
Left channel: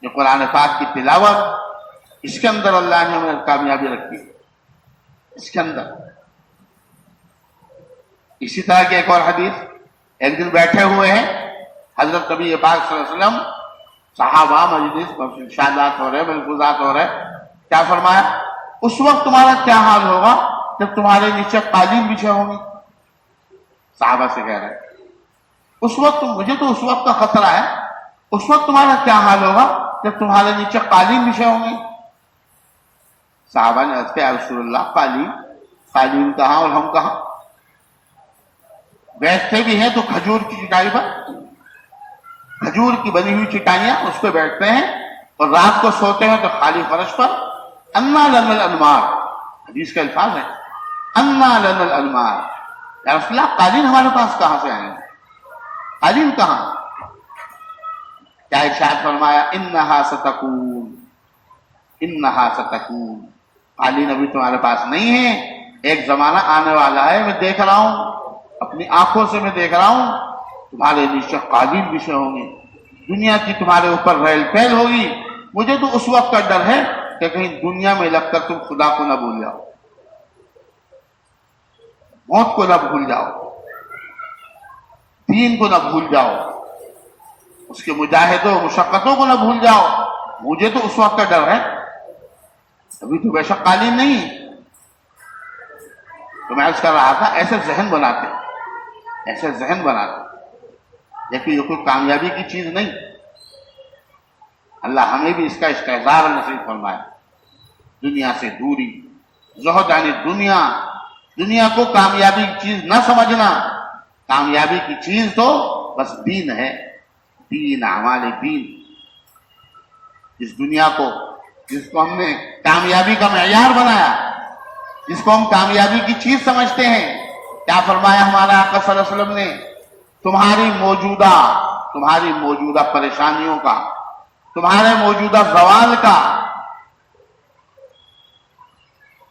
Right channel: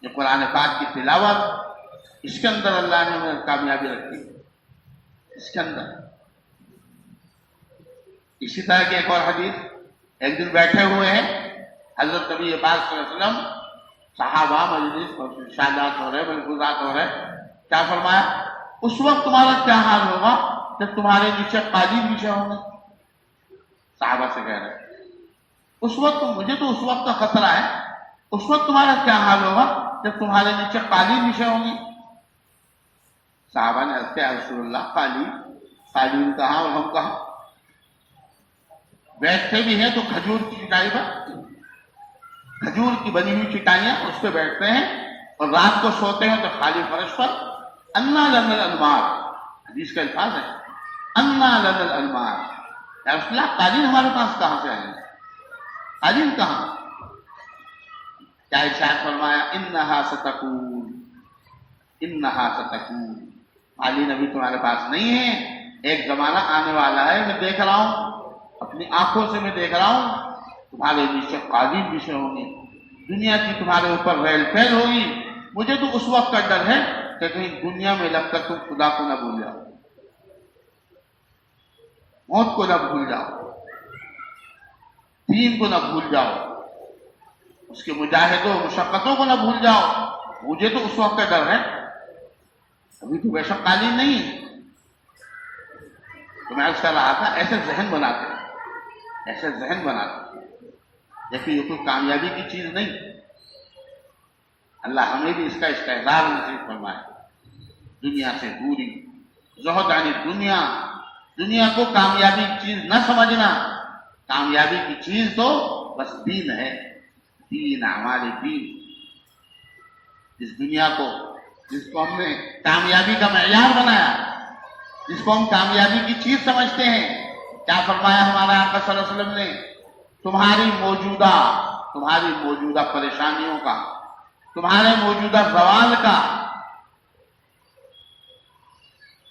یہ قرآن پاک کی تلاوت، اس کے اندر اللہ نے ہمیں کامیابی رکھی ہے، اس کے اندر۔ اسی طرح کی ایک اور حدیث، ایک دن بیٹھے ہوئے ہیں حضرت نبی پاک صلی اللہ علیہ وسلم، صحابہ مجلس ارشادات ہو رہے، ملفوظات ہو رہے، کیا فرمایا؟ اس وقت تمہارا کیا حال ہوگا جب تمہارے نیچے قالین بچھے ہوں گے؟ صحابہ سے کہہ رہے اس وقت، مجھے تو اس وقت کا خطرہ ہے، اس وقت تمہارا کیا حال ہوگا جب تمہارے نیچے قالین بچھے ہوں گے؟ صحابہ نے عرض کیا، یا رسول اللہ قالین کہاں اور ہم کہاں؟ بیٹھتے بھی ہیں تو کھجور کی چٹائی پر، کھجور کی بنی ہوئی چٹائیاں، اس پہ بیٹھتے ہیں، اور رات کو سوتے ہیں تو خالی فرش پر۔ انا لنا الانمار، حدیث کا الفاظ ہے، انا لنا الانمار، یا رسول اللہ قالین ہمارے پاس کہاں سے آئیں گے؟ قالین کہاں؟ کیا ارشاد فرمایا؟ انہا ستکون، انہا ستکون، قالین ابھی تمہارے پاس نہیں ہے، ایک زمانہ آنے والا ہے، میں دیکھ رہا ہوں، اپنی آنکھوں سے میں دیکھ رہا ہوں، تمہارے نیچے قالین بچھے ہوں گے، دنیا کی تمہارے اوپر ریل پھیل ہوگی۔ مجھے تو اس وقت کا ڈر ہے کہ کہیں دنیا میں لگ کر تم خدا کو نہ بھول جاؤ، موت کو نہ بھول جاؤ، دین کو نہ بھول جاؤ، اس کے مجاہدوں مشقتوں کو نہ بھول جاؤ، مجھے تو اس وقت کا ڈر ہے۔ ابھی تو بے شک قالین نہیں، تو میں عرض کر رہا تھا، ایسے ذہن بناتے، ایسے ذہن بناتے، لیکن یہ کوئی کامیابی کی چیز نہیں۔ اللہ ہمیں بھی اس کا استحضار نصیب فرمائے، دنیا سے دوری، زہد یعنی دنیا کو کامیابی کی چیز نہ سمجھنا، کامیابی کی چیز تو بس دین ہے، دین، اعمال دین۔ اس دنیا کو، جس کو ہم نے کامیابی کا معیار بنایا، جس کو ہم کامیابی کی چیز سمجھتے ہیں، کیا فرمایا ہمارا آقا صلی اللہ علیہ وسلم نے؟ تمہاری موجودہ پریشانیوں کا، تمہارے موجودہ زوال کا،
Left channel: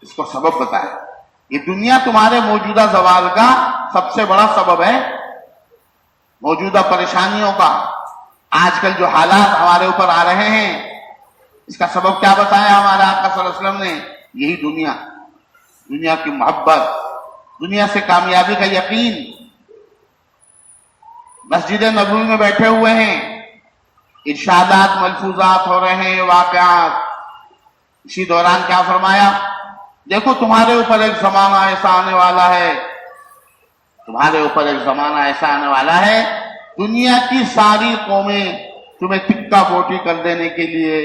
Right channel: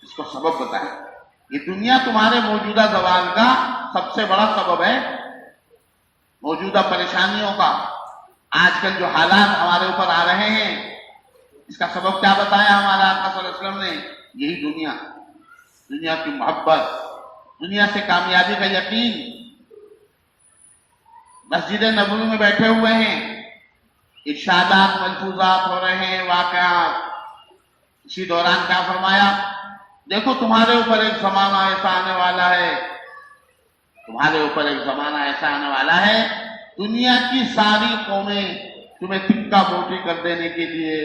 اس کو سبب بتایا۔ یہ دنیا تمہارے موجودہ زوال کا سب سے بڑا سبب ہے، موجودہ پریشانیوں کا۔ آج کل جو حالات ہمارے اوپر آ رہے ہیں، اس کا سبب کیا بتایا ہمارے آقا صلی اللہ علیہ وسلم نے؟ یہی دنیا کی محبت، دنیا سے کامیابی کا یقین۔ مسجد نبوی میں بیٹھے ہوئے ہیں، ارشادات ملفوظات ہو رہے ہیں، واقعات۔ اسی دوران کیا فرمایا؟ دیکھو تمہارے اوپر ایک زمانہ ایسا آنے والا ہے، تمہارے اوپر ایک زمانہ ایسا آنے والا ہے، دنیا کی ساری قومیں تمہیں ٹکا بوٹی کر دینے کے لیے،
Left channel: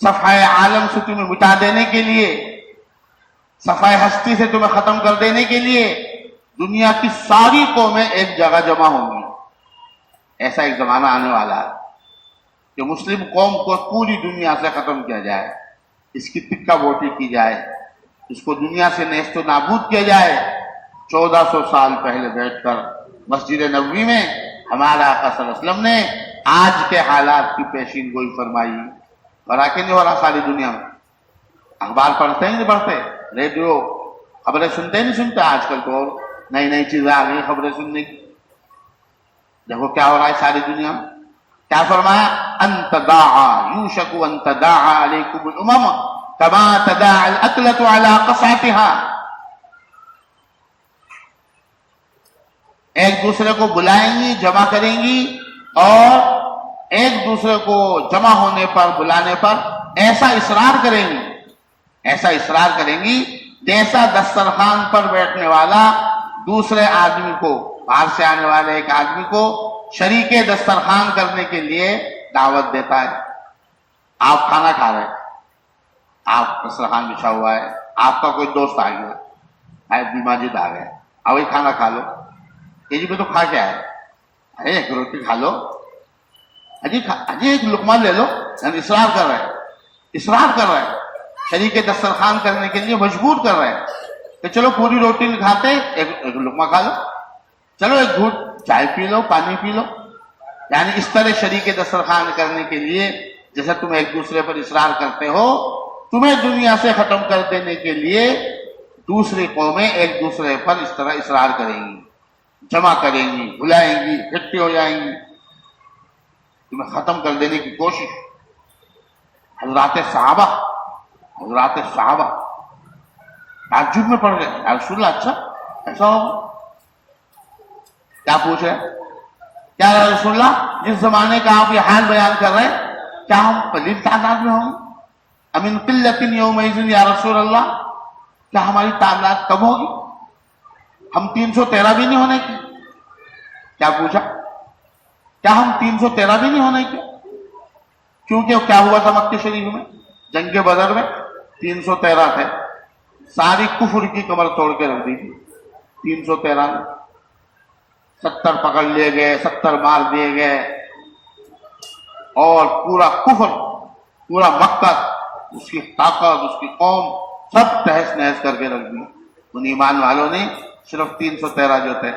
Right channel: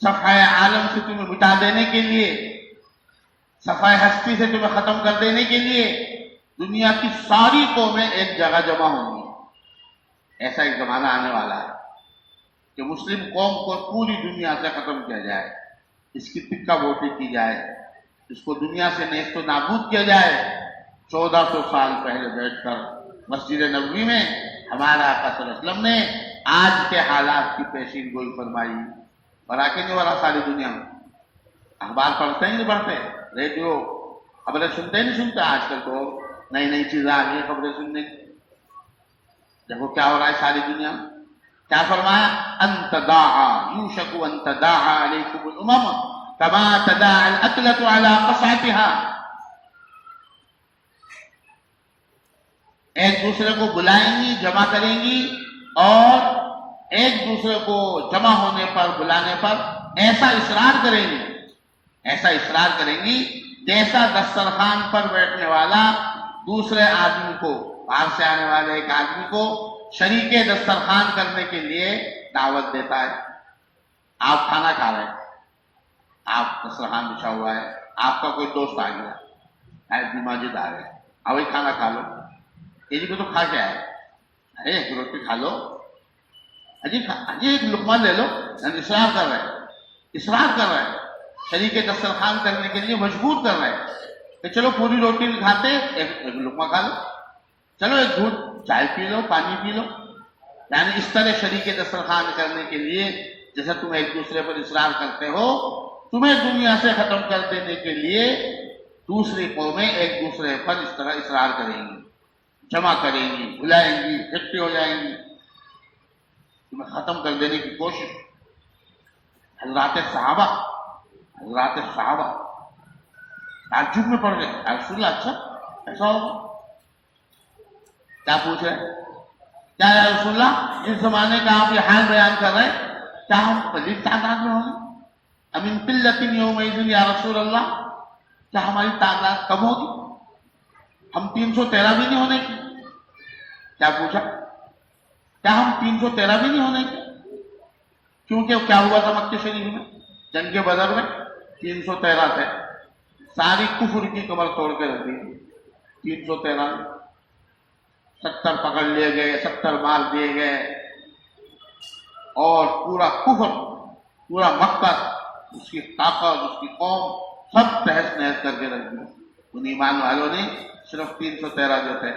صفحہ عالم سے تمہیں مٹا دینے کے لیے، صفحہ ہستی سے تمہیں ختم کر دینے کے لیے دنیا کی ساری قومیں ایک جگہ جمع ہوں گی۔ ایسا ایک زمانہ آنے والا ہے کہ مسلم قوم کو پوری دنیا سے ختم کیا جائے، اس کی ٹکا بوٹی کی جائے، اس کو دنیا سے نیست و نابود کیا جائے۔ 1400 سال پہلے بیٹھ کر مسجد نبوی میں ہمارا آقا صلی اللہ علیہ وسلم نے آج کے حالات کی پیشین گوئی فرمائی۔ اور آکے نہیں ہو رہا ساری دنیا میں، اخبار پڑھتے ہیں نہیں پڑھتے، ریڈیو خبریں سنتے نہیں سنتے، آج کل تو نئی چیزیں آ گئی خبریں سننے کی۔ دیکھو کیا ہو رہا ہے ساری دنیا میں۔ کیا فرمایا؟ ان تداعا یوشک ان تداعا علیکم الامم کما تداعا الاکلۃ علی قصعتها، ایک دوسرے کو بلائیں گی، جمع کریں گی، اور ایک دوسرے کو جمع ہونے پر، بلانے پر ایسا اصرار کریں گی جیسا دسترخوان پر بیٹھنے والا دوسرے آدمی کو، باہر سے آنے والے ایک آدمی کو شریک دسترخوان کرنے کے لیے دعوت دیتا ہے۔ آپ کھانا کھا رہے ہیں، آپ دسترخوان بچھا ہوا ہے، آپ کا کوئی دوست آ گیا، حیدی ماجد آ گئے، وہی کھانا کھا لو۔ یہ جی میں تو کھا کیا ہے؟ ارے ایک روٹی کھا لو، اجی ایک لقمہ لے لو۔ ہم اصرار کر رہے ہیں، شریک دسترخوان کرنے کے لیے مجبور کر رہے ہیں کہ چلو پوری روٹی نہیں کھاتے، ایک لقمہ کھا لو، چلو ایک گھونٹ چائے پی لو، پانی پی لو۔ یعنی اس طرح شریک دسترخوان کرنے کے لیے جیسے تم ایک دوسرے پر اصرار کرتے ہو، تمہیں دنیا سے ختم کر دینے کے لیے دوسری قومیں ایک دوسرے پر اس طرح اصرار کریں گی، جمع کریں گی، بلائیں گی، اکٹھی ہو جائیں گی، تمہیں ختم کر دینے کی کوشش۔ حضرات صحابہ تعجب میں پڑ گئے، یا رسول اللہ اچھا ایسا ہوگا؟ کیا پوچھ رہے؟ کیا یا رسول اللہ جس زمانے کا آپ یہ حال بیان کر رہے ہیں کیا ہم قلیل تعداد میں ہوں گے؟ امن قلت یومئذ یا رسول اللہ، کیا ہماری تعداد کم ہوگی؟ ہم 313 بھی نہیں ہونے کی؟ کیا پوچھا؟ کیا ہم 313 بھی نہیں ہونے کی؟ کیونکہ کیا ہوا تھا مکہ شریف میں جنگ بدر میں 313 تھے، ساری کفر کی کمر توڑ کے رکھ دی تھی 313 میں، 70 پکڑ لیے گئے، 70 مار دیے گئے، اور پورا کفر، پورا مکہ، اس کی طاقت، اس کی قوم سب تہس نہس کر کے رکھ دی۔ ان ایمان والوں نے صرف 313 جو تھے۔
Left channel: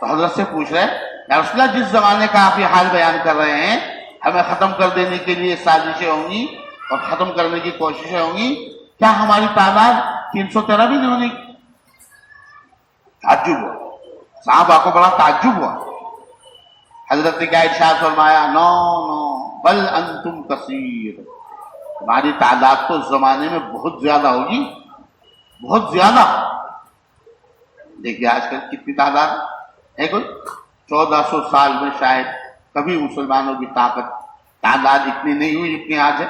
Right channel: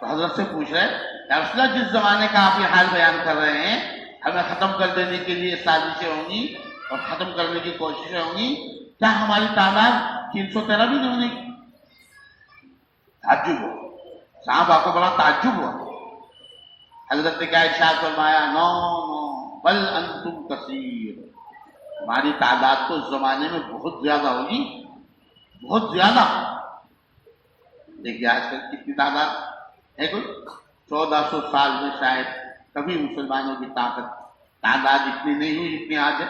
تو حضرت سے پوچھ رہے یا رسول اللہ جس زمانے کا آپ یہ حال بیان کر رہے ہیں ہمیں ختم کر دینے کے لیے سازشیں ہوں گی اور ختم کرنے کی کوششیں ہوں گی، کیا ہماری تعداد 313 بھی نہیں ہونے کی؟ تعجب ہوا، صحابہ کو بڑا تعجب ہوا۔ حضرت نے کیا ارشاد فرمایا؟ نو بل انتم کثیر، ہماری تعداد تو اس زمانے میں بہت زیادہ ہوگی، بہت زیادہ۔ دیکھیے آج کل کتنی تعداد ہے، کوئی 1400 سال میں شاید کبھی مسلمانوں کی تعداد اتنی نہیں ہوئی جتنی آج ہے۔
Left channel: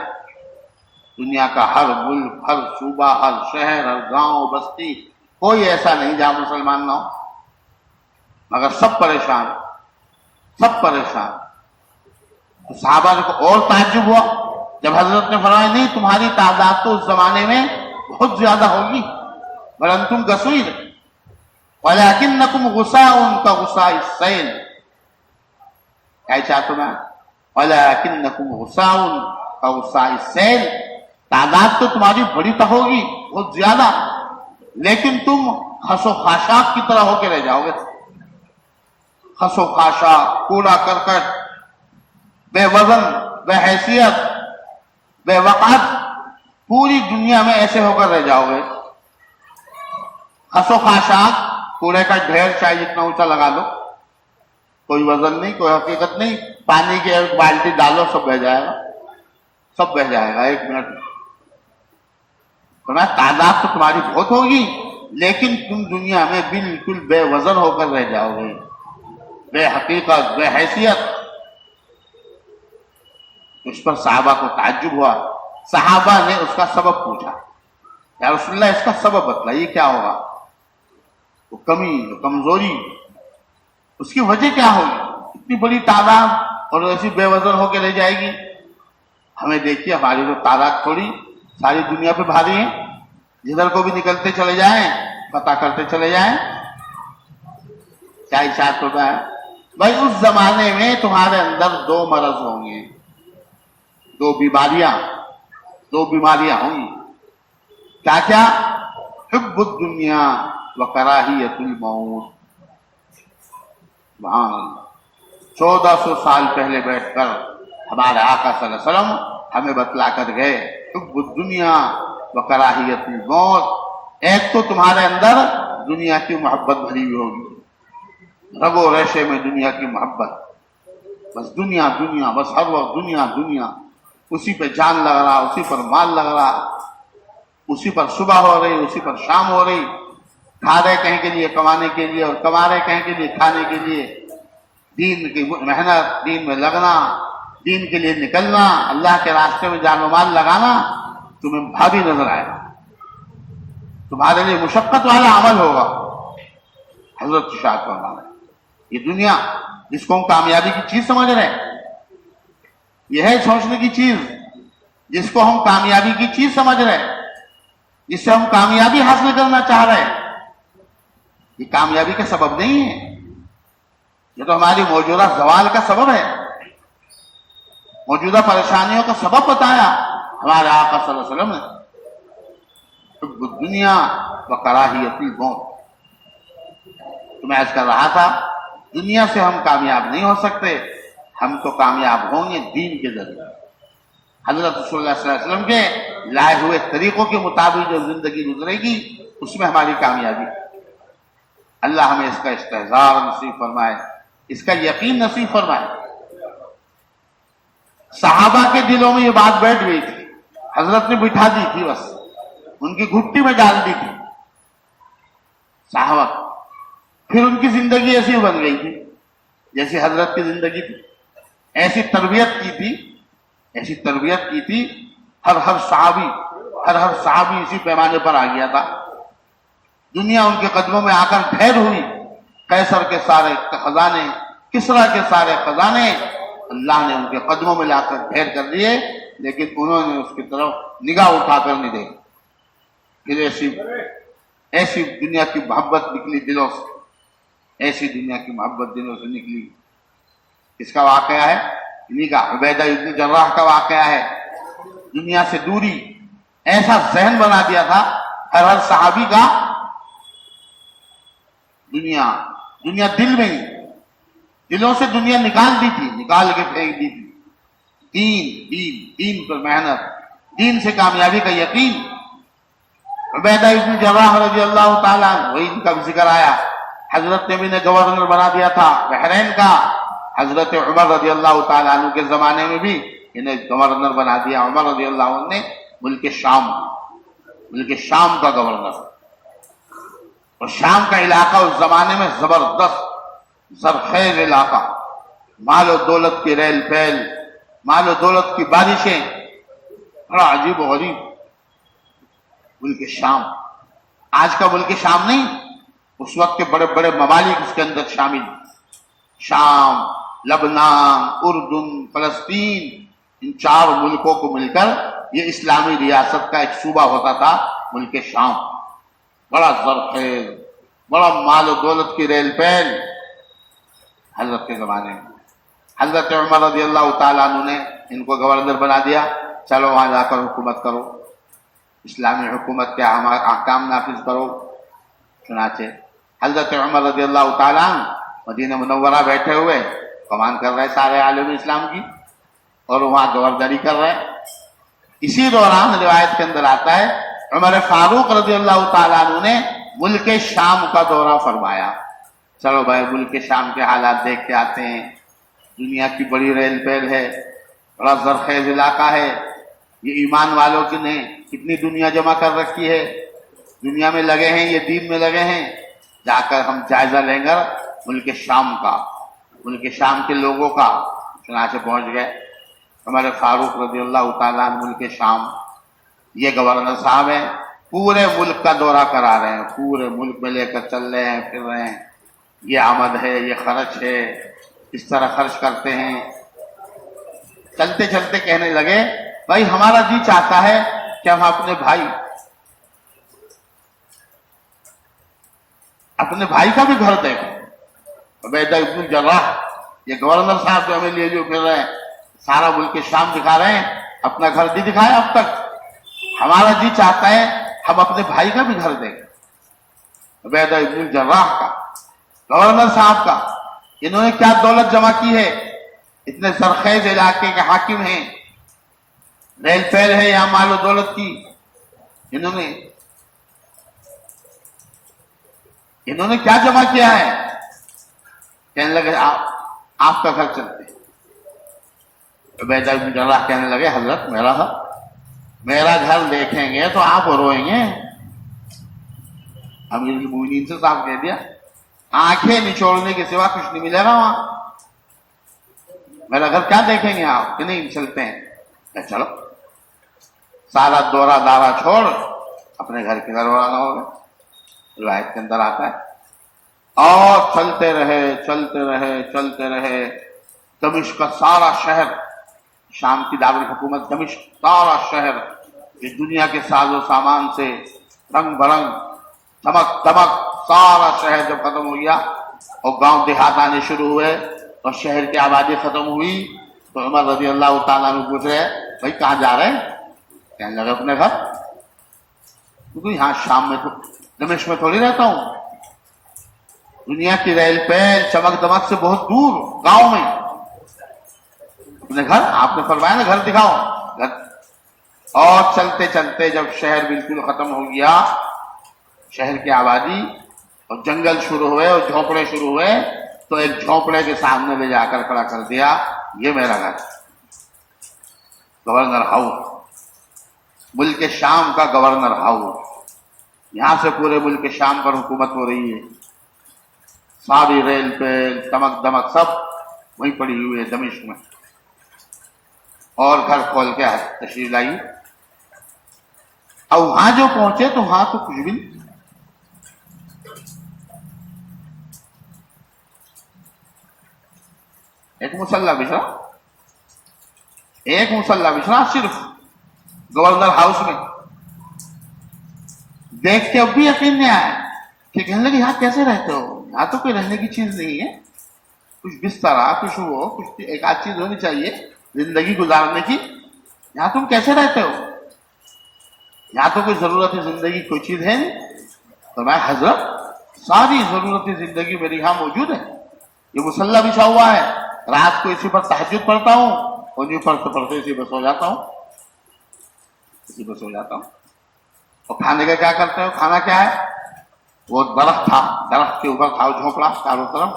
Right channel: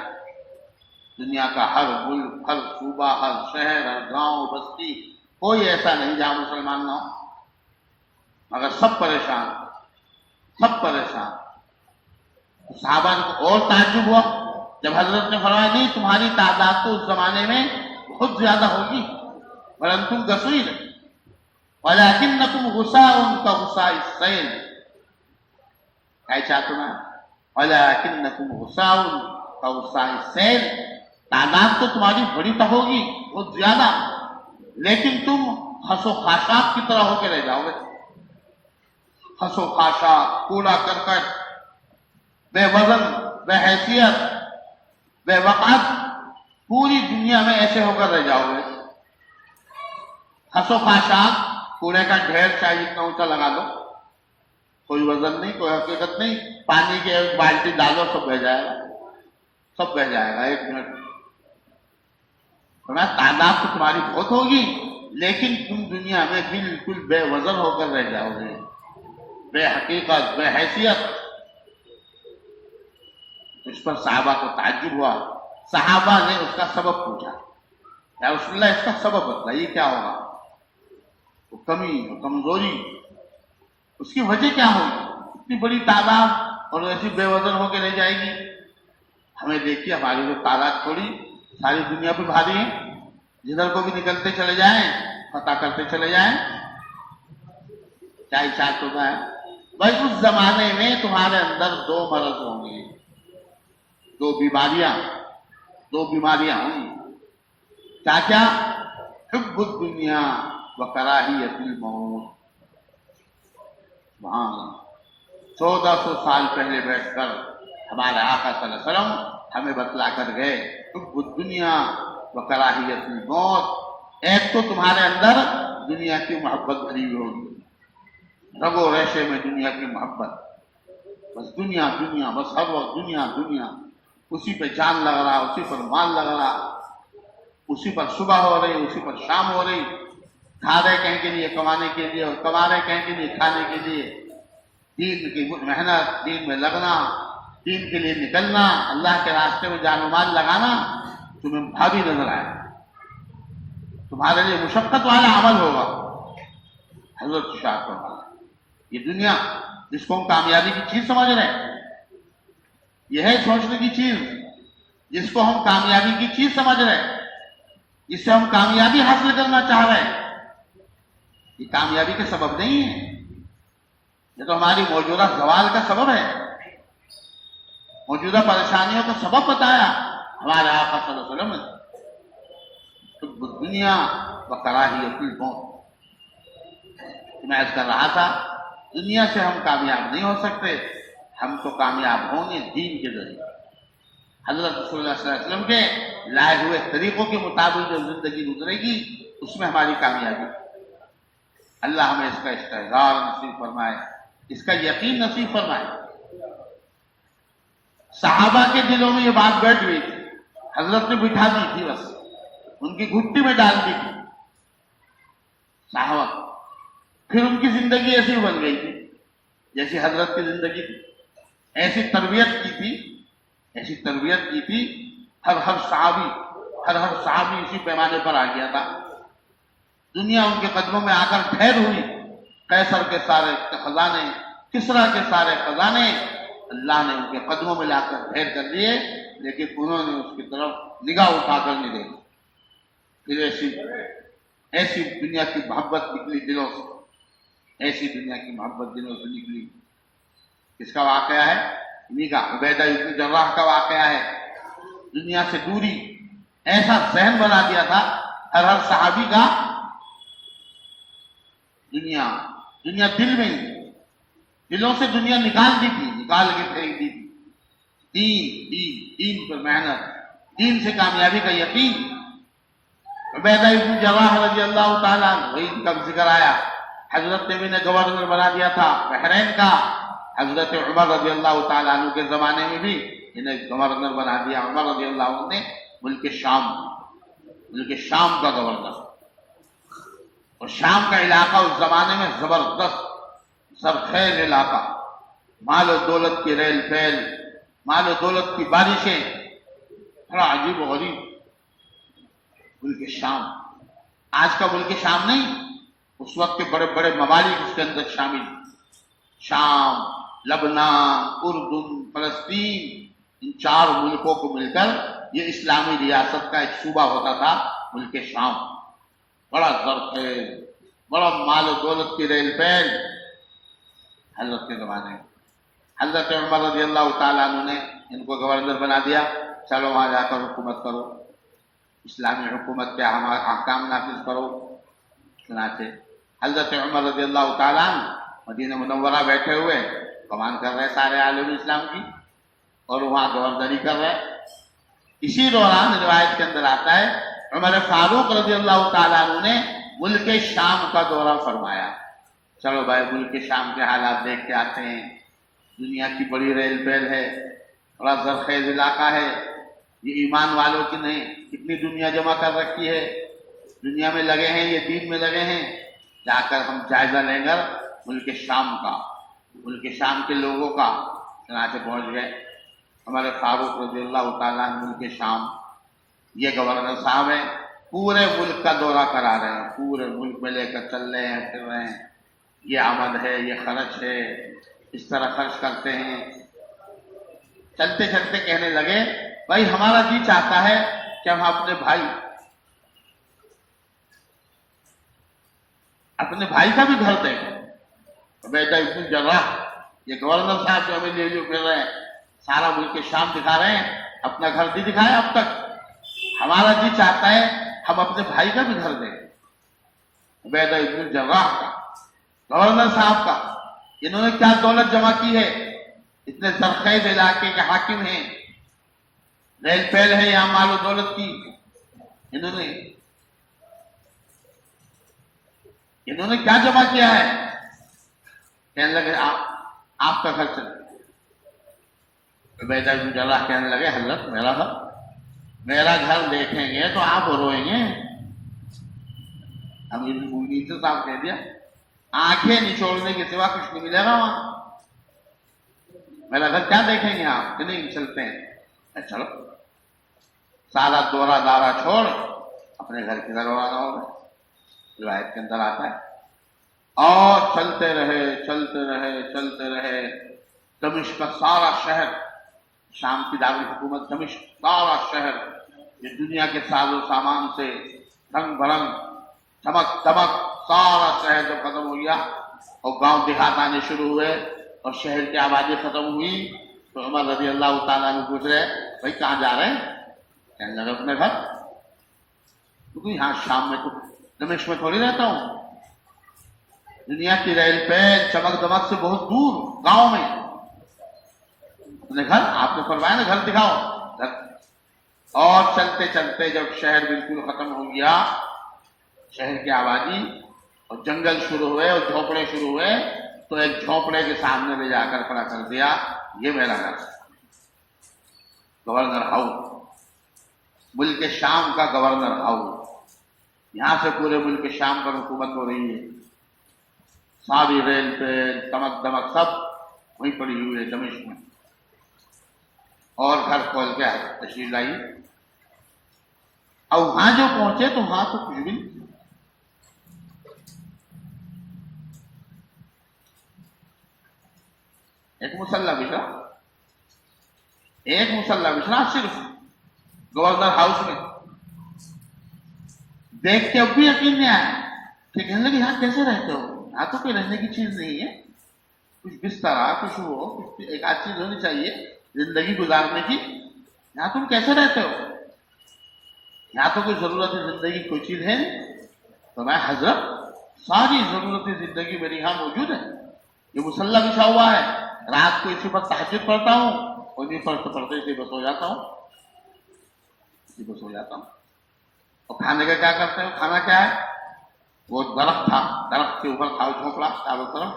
دنیا کا ہر ملک، ہر صوبہ، ہر شہر، ہر گاؤں بستی، کوئی ایسا نہیں جہاں مسلمان نہ ہو، مگر سب پریشان، سب پریشان۔ تو صحابہ کو اور تعجب ہوا جب حضرت نے فرمایا نہیں تمہاری تعداد تو اس زمانے میں بہت زیادہ ہوگی، بل انتم کثیر ولکنکم غثاء کغثاء السیل، کیا چاہتا ہوں میں؟ ولکنکم غثاء کغثاء السیل، تعداد تو تمہاری بڑی تو ہوگی بہت زیادہ، لیکن تم خس و خاشاک کی طرح ہو کے رہ جاؤ گے۔ خس و خاشاک، کوڑا کرکٹ، بے وزن، بے حیثیت، بے وقعت، پوری دنیا میں ایسے ہو کر رہ جاؤ گے۔ خس و خاشاک، کوڑے کا ڈھیر چاہے جتنا اونچا لگا لو، کوئی وزن نہیں، کوئی حقیقت نہیں، پانی کی ایک بالٹی ڈالو سب بہ جائے گا، سب بہ جائے گا 1 منٹ میں۔ تعداد تو تمہاری بہت ہوگی لیکن تم دنیا میں بالکل بے وزن ہو کر رہ جاؤ گے، بے حقیقت، بے حیثیت۔ اس پر صحابہ کو تعجب ہوا، صحابہ نے اس کا سبب پوچھا، یا رسول اللہ اس کا سبب بتلائیے کیا ہوگا؟ وہ کمی، وہ کمزوری، اس کی وجہ کیا ہوگی؟ اتنی بڑی تعداد اور ایسی بے وزن ہو کے رہ جائے گی؟ ہمیں دیکھیے ہماری جو تعداد تھوڑی ساری دنیا پہ بھاری ہے، جدھر کو بھی نکلتے چلے جائیں، فتح کرتے چلے جائیں۔ کیا ارشاد ہوتا ہے؟ بھائی اس زمانے میں تمہارے اندر 2 مرض ہوں گے، 2 بیماریاں ہوں گی۔ کیا کیا؟ حب الدنیا وکراہیت الموت۔ وہاں 1400 سال پہلے بیٹھ کر ہمارے آقا صلی اللہ علیہ وسلم ہمیں بتلا کر گئے حب الدنیا وکراہیت الموت۔ ایک تو تمہارے اندر دنیا کی محبت بھری ہوئی ہوگی، رگو ریشے میں دنیا کی محبت، بس دنیا دنیا، بس ہر وقت دنیا دنیا، اسی پہ جان لگ رہا، اسی پر مال لگ رہا، اسی پر صبح ہو رہی، اسی پر شام ہو رہی، کھا رہے کہیں کے لیے کمانے کے لیے اور کما رہے کہیں کے لیے کھانے کے لیے، دین کی محنت، دین میں لگنا، دین کے لیے نکلنا، اللہ کے راستے میں جان و مال لگانا تمہیں بھاری نظر آئے، تمہارے لیے مشقت والا عمل ہوگا۔ حضرت ارشاد فرما رہے ہیں یہ دنیا جس کو ہم کامیابی کی چیز سمجھ رہے ہیں، یہ ہے سوچنے کی چیز، جس کو ہم کامیابی کی چیز سمجھ رہے ہیں، جس سے ہم کامیابی حاصل کرنا چاہ رہے ہیں، یہ کامیابی کا سبب نہیں ہے، یہ تو ہماری موجودہ زوال کا سبب ہے، موجودہ پریشانیوں کا سبب بتایا ہمارے آقا صلی اللہ علیہ وسلم نے، حب الدنیا وکراہیت الموت۔ تو میں عرض کر رہا تھا دنیا سے ہم کامیاب نہیں ہو سکتے، ہم تو کامیاب ہوں گے دین کے ذریعے، حضرت رسول اللہ صلی اللہ علیہ وسلم کے لائے ہوئے طریقوں کے مطابق جو زندگی گزرے گی اس میں ہماری کامیابی. اللہ ہمیں اس کا استحضار نصیب فرمائے, اس کا یقین نصیب فرمائے. صحابہ کے دلوں میں یہ بات بیٹھ گئی تھی, حضرت نے بٹھا دی تھی, بس ان کی گھٹی میں ڈال دی تھی صحابہ. پھر ان کی زندگی ایسی بن گئی تھی جیسی حضرت کی زندگی تھی. ایسی تربیت کی تھی, ایسی تربیت کی تھی. ہر صحابی اسی پیمانے پر آ گیا تھا. دنیا ان کے قدموں میں آ کر ٹھہر ہوئی. قیصر کے سارے خزانے, کسریٰ کے سارے خزانے اللہ نے ان کے قدموں میں لا کر ڈھیر کر دیے, لیکن انہوں نے اس کی طرف نگاہ اٹھا کر نہیں دیکھی. پھر ایسی دنیا کی محبت نکلی دلوں سے, ایسی دنیا کی محبت دلوں سے نکلی. اس کا واقعہ ہے انہی کا, عبیدہ ابن جراح کا واقعہ ہے. دنیا سے دوری ایسا ذہن بنا دیا تھا ہر صحابی کا. دنیا دل میں ہی, دلوں سے دنیا نکال دی تھی, نکال کے پھینک دی تھی. دین پر محنت, دین سے کامیابی کا یقین. عبیدہ ابن جراح رضی اللہ تعالیٰ عنہ, وہی ان کا بھی ذکر آیا. حضرت نے بھی گورنر بنا دیا تھا بحرین کا. حضرت عمر رضی اللہ تعالیٰ عنہ کے زمانے میں بھی انہیں گورنر بنا دیا. عمر رضی اللہ عنہ نے ملک شام کا گورنر. اور شام کا علاقہ اس زمانے میں زبردست زرخیز علاقہ, مال و دولت کی ریل پھیل, مال و دولت کی بارشیں, بڑا عجیب و غریب ملک شام. آج کا ملک شام نہیں, اس وقت کے بڑے بڑے ممالک اس کے اندر شامل. شام, لبنان, اردن, فلسطین, ان 4 ملکوں کو مل کر یہ اسلامی ریاست کا ایک صوبہ ہوتا تھا ملک شام. بڑا زرخیز, بڑا مال و دولت کی ریل پھیل حضرت کے زمانے میں. حضرت عمر رضی اللہ تعالیٰ عنہ نے ان کو گورنر بنا دیا. چلو وہاں جا کر حکومت کرو, اسلامی حکومت کے احکام نافذ کرو. چنانچہ حضرت عمر رضی اللہ تعالیٰ عنہ مدینہ منورہ بیٹھے ہوئے کمان کر رہے سارے عالم اسلام کی, اور وہاں گورنری کر رہے. اسی دوران روایت کے اندر آتا ہے عمر فاروق رضی اللہ تعالیٰ عنہ نے ملک شام کا دورہ فرمایا. چلو بھائی ملک شام کے حالات دیکھ کے آتے ہیں. دنیا کی بڑی ریل پھیل ہے, بڑا زرخیز علاقہ ہے. یہ ایمان والوں کی نے کتنی دنیا جمع کر رکھی ہے, دنیا میں لگے ہیں, یہ دین میں لگے ہیں. جا کر ہم جائزہ لیں گے ملک شام کا, ملک شام کے لوگوں کا. چنانچہ پہنچ گئے. ہمارے فاروق رضی اللہ تعالیٰ عنہ ملک شام, یہ گورنر صاحب ہیں, پورے ملک کا دورہ کرا رہے ہیں, پورے ملک میں لے کر چل رہے ہیں, پھر رہے ہیں. یہ آمد ہے, یہ خرچ ہے, اس طرح خرچ کرتے ہیں. چلتے چلتے کہنے لگے بھائی ہمارا جی چاہتا ہے کہ ہم اپنے بھائی کا بھی گھر دیکھیں. عبیدہ ابن جراح یہ گورنر صاحب جو ہمیں لیے جو پھر رہے ہیں, سارا ملک شام دکھا رہے ہیں, اپنا گھر نہیں دکھایا اب تک. ہمارا جی چاہتا ہے ہم اپنے بھائی کا بھی گھر دیکھیں. عبیدہ ابن جراح کا, گورنر صاحب کا. انہوں نے کیا دولت جمع کی ہے, اتنے زرخیز علاقے کے حاکم ہیں, ریل پھیل ہے یہاں مال و دولت کی. انہوں نے کیا جمع کیا ہے. کہنے لگے آپ کا گھر چلتے ہیں. عبیدہ بن جراح کہنے لگے حضرت میرا گھر دیکھیں گے تو آپ روئیں گے. امیر المومنین سے صاحب کہہ دیا آنکھیں نچوڑنے کے سوا کچھ نہیں ملے گا وہاں. میرا گھر کیا دیکھیں گے آپ, کہ نہیں چلتے ہیں. چلو سارا دورہ دارا چھوڑ اپنے گھر کی طرف روانہ ہو گئے. روایت کے اندر آتا ہے اور چلتے رہے. دمشق کا سارا شہر, شام کی دارالحکومت دمشق, سارا شہر یہ دنیا کے ساز و سامان سے رنگ برنگ چمک دمک, سارا شہر جب ختم ہو گیا اور گاؤں دیہات آنے شروع ہوئے اور شہر کی آبادی ختم ہوئی تو عمر رضی اللہ تعالیٰ عنہ پوچھ رہے بھائی کہاں جا رہے ہیں. کہنے لگے اپنے گھر. کیونکہ یہاں شام میں دمشق میں تھوڑی رہتا ہوں, دنیا کی ریل پھیل چمک دمک سے بہت دور گاؤں میں. اپنے گھر, آپ نے فرمایا نا گھر دکھاؤ, گھر اور چلتے چلتے جب شہر بالکل ختم ہو گیا، شہر کی آبادی اور جنگل شروع ہوئے اور جھونپڑے شروع ہوئے، تو ایک جھونپڑے کے سامنے لے جا کر کھڑا کر دیا، یہ میرا گھر، گورنر ہاؤس، ملک شام کا گورنر ہاؤس، یہاں سے پورے ملک شام پر حکومت ہو رہی ہے، ساری ریل پہ دمک دمک سب وہیں پڑی ہوئی ہے دمشق میں، اور گھر کھول کے تشریف لائی۔ اور وہاں جو پہنچے تو وہاں تو کچھ بھی نہیں، ایک مسلح بچھڑا، ایک مسلح بچھڑا صرف گورنر ہاؤس میں۔ دیکھ کے اب بھی یقین نہیں آیا کہ کہنے لگے یہاں کیسے رہتے ہو، یہاں تو کوئی رہنے کی چیز نہیں ہے، کچھ بستر کچھ وہ کچھ ایک آدھ چیز ہونی چاہیے زندگی گزارنے کی، یہاں تم کیسے رہتے ہو، یہاں تو کوئی ضرورت زندگی کوئی چیز ہے نہیں۔ تو میں حضرت ساری ضرورت زندگی میری یہاں موجود ہے، یہ مسلح بچھا ہوا ہے، رات کو اسی پر تہجد پڑھتا ہوں اور یوں پڑھتے پڑھتے اسی پر سو جاتا ہوں، اسی پر سو جاتا ہوں۔ اور کھانے کا کیا کرتے ہو، کھانا کیا ہے، وہ درخت تھا، درخت کے اوپر تھا جھونپڑا چاروں طرف،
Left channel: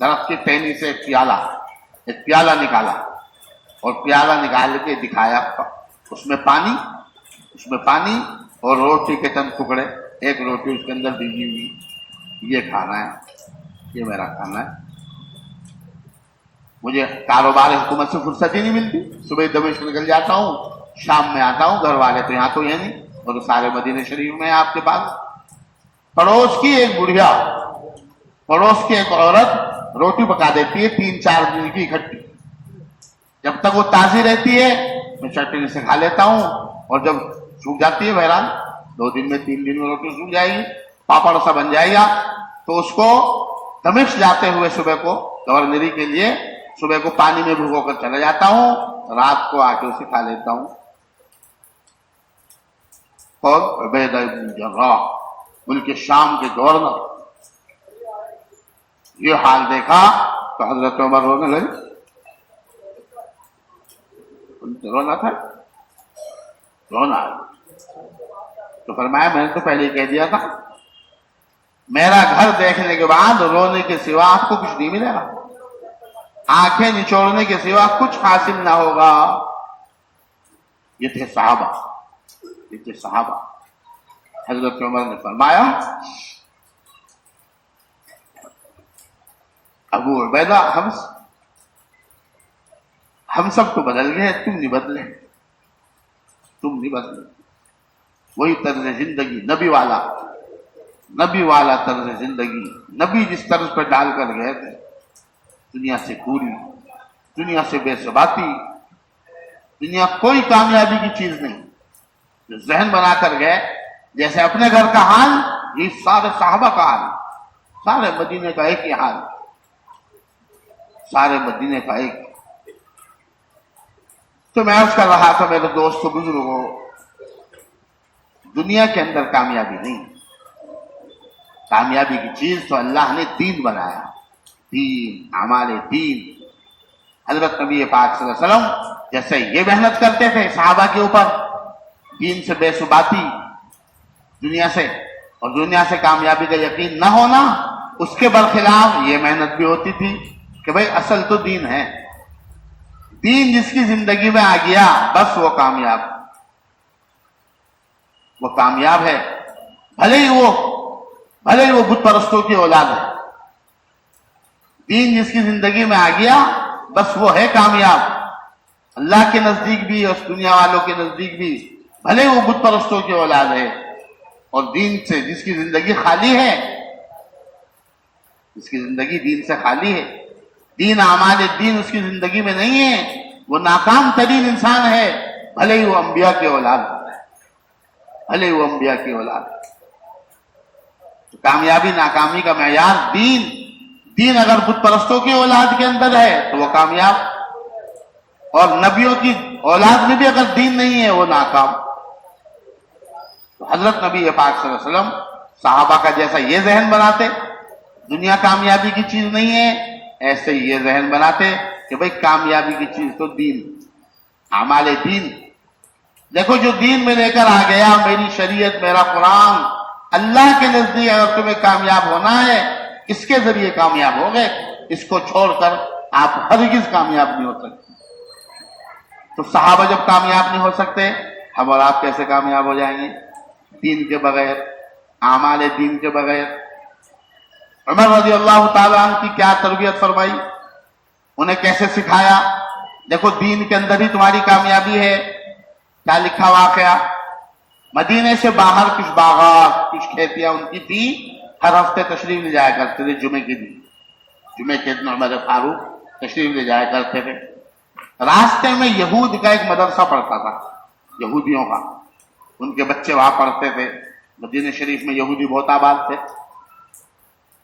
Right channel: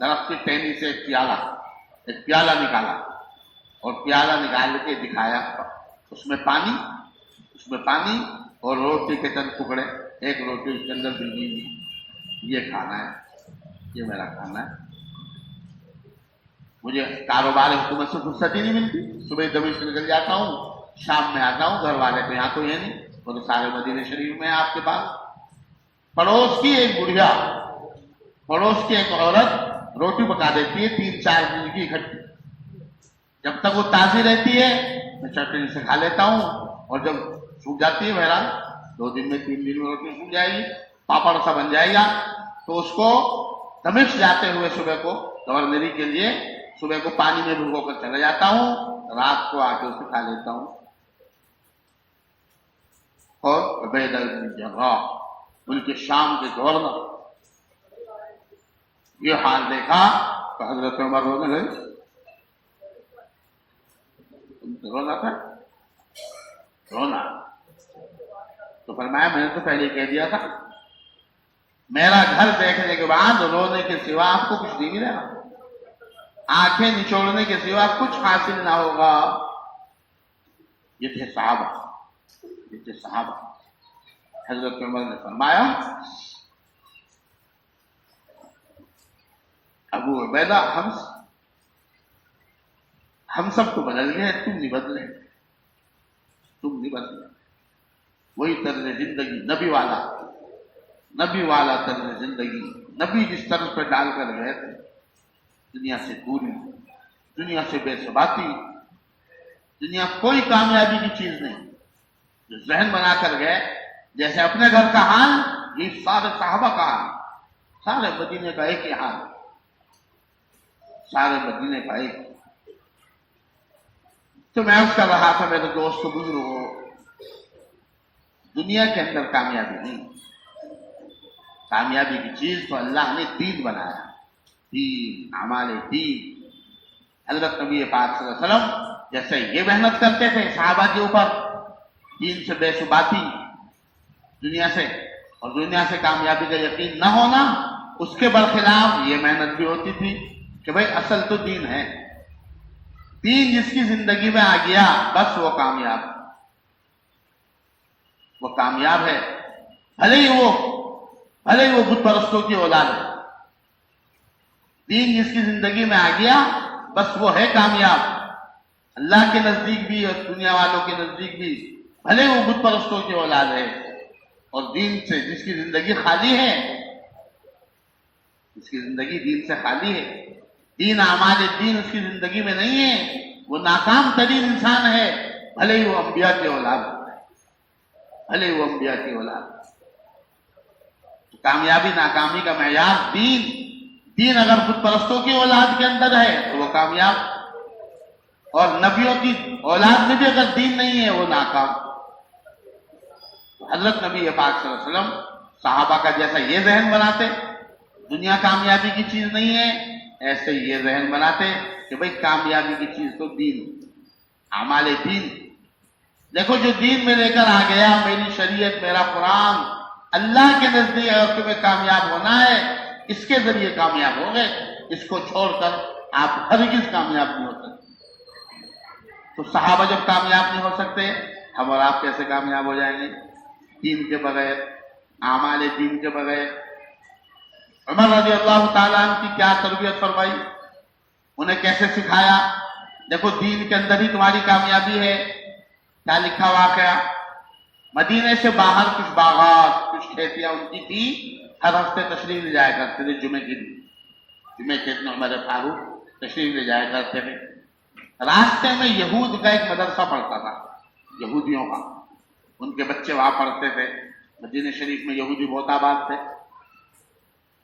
درخت کی ٹہنی سے ایک پیالہ نکالا اور پیالہ نکال کے دکھایا، اس میں پانی اور روٹی کے چند ٹکڑے، ایک روٹی اس کے اندر بھیگی ہوئی، یہ کھانا ہے، یہ میرا کھانا ہے۔ مجھے کاروبار حکومت سے فرصت ہی نہیں ملتی، صبح دمشق نکل جاتا ہوں، شام میں آتا ہوں، گھر والے تو یہاں تو یہ نہیں، اور سارے مدینہ شریف میں آپ کے پاس۔ پڑوس کی ایک بڑھیا، پڑوس کی ایک عورت روٹی پکا دیتی ہے 3-4 دن کی اکٹھی، جب تک وہ تازی رہتی ہے میں چٹنی سے کھا لیتا ہوں، اور جب سوکھ جاتی ہے بہرحال 2 دن میں 3 دن میں روٹی سوکھ جائے گی، پاپڑ سا بن جائے گا، تو اس کو دمشق جاتے ہوئے صبح کو گورنری کے لیے صبح کو پانی میں بھگو کر چلا جاتا ہوں، رات کو آ کے اسے کھا لیتا ہوں۔ اور عبیدہ بن جراح ملک شام کے گورنر، یہ حال دیکھا تو حضرت عمر رونے لگے، رونا تھا، رونا، تو فرمایا میں نے تو پہلے کہہ دیا تھا، میرا گھر دیکھنے کے بعد رونے کے سوا آپ کو کچھ نہیں ملے گا، آنکھیں نچوڑنے کے سوا کچھ حاصل نہ ہوگا۔ یہ تھے صحابہ، حضرت عمر نے فرمایا ابو عبیدہ ہم سب تو بدل گئے، تم نہیں بدلے، وہی طرز زندگی نبی والا طرز زندگی، نبی جس طرز پر ڈال کر گئے تھے، دنیا سے دوری، دنیا سے بے ثباتی، دنیا کوئی کامیابی کی چیز نہیں، جو ذہن بنا کر گئے، جیسے اپنے گھر کا حال یہ سارے صحابہ کا حال، سارے مدینے کا ایک ہی حال، سارے مدینے کا ایک۔ تو میں عرض کر رہا تھا میرے دوستو بزرگوں، دنیا کے اندر کامیابی نہیں، کامیابی کی چیز تو اللہ نے دین بنایا، دین، اعمال دین۔ حضرت نبی پاک صلی اللہ علیہ وسلم جیسے یہ محنت کرتے تھے صحابہ کے اوپر، دین سے بے ثباتی، دنیا سے کامیابی کا یقین نہ ہونا، اس کے برخلاف یہ محنت بھی ہوتی تھی کہ بھئی اصل تو دین ہے، دین جس کی زندگی میں آ گیا بس وہ کامیاب ہے، بھلے ہی وہ بت پرستوں کی اولاد ہے، دین جس کی زندگی میں آ گیا بس وہ ہے کامیاب، اللہ کے نزدیک بھی اور دنیا والوں کے نزدیک بھی، بھلے وہ بت پرستوں کی اولاد ہے۔ اور دین سے جس کی زندگی خالی ہے، جس کی زندگی دین سے خالی ہے، دین اعمال دین اس کی زندگی میں نہیں ہے، وہ ناکام ترین انسان ہے، بھلے ہی وہ انبیاء کی اولاد ہے، تو کامیابی ناکامی کا معیار دین اگر بت پرستوں کی اولاد کے اندر ہے تو وہ کامیاب، اور نبیوں کی اولاد میں بھی اگر دین نہیں ہے وہ ناکام۔ تو حضرت نبی پاک صلی اللہ علیہ وسلم صحابہ کا جیسا یہ ذہن بناتے دنیا کامیابی کی چیز نہیں ہے، ایسے ہی یہ ذہن بناتے کہ بھئی کامیابی کی چیز تو دین، اعمال دین، دیکھو جو دین میں لے کر آ گیا، میری شریعت، میرا قرآن، اللہ کے نزدیک اگر تمہیں کامیاب ہونا ہے اس کے ذریعے کامیاب ہو گئے، اس کو چھوڑ کر آپ ہرگز کامیاب نہیں ہو سکتے۔ تو صحابہ جب کامیاب نہیں ہو سکتے، ہم اور آپ کیسے کامیاب ہو جائیں گے؟ دین کے بغیر، اعمال دین کے بغیر۔ عمر رضی اللہ تعالیٰ عنہ کی کیا تربیت فرمائی، انہیں کیسے سکھایا، دیکھو دین کے اندر ہی تمہاری کامیابی ہے۔ کیا لکھا واقعہ، مدینے سے باہر کچھ باغات، کچھ کھیتیاں ان کی تھی، ہر ہفتے تشریف لے جایا کرتے تھے جمعے کے دن۔ جمعے کے دن عمر فاروق تشریف لے جایا کرتے تھے۔ راستے میں یہود کا ایک مدرسہ پڑھتا تھا، یہودیوں کا، ان کے بچے وہاں پڑھتے تھے۔ مدینہ شریف میں یہودی بہت آباد تھے،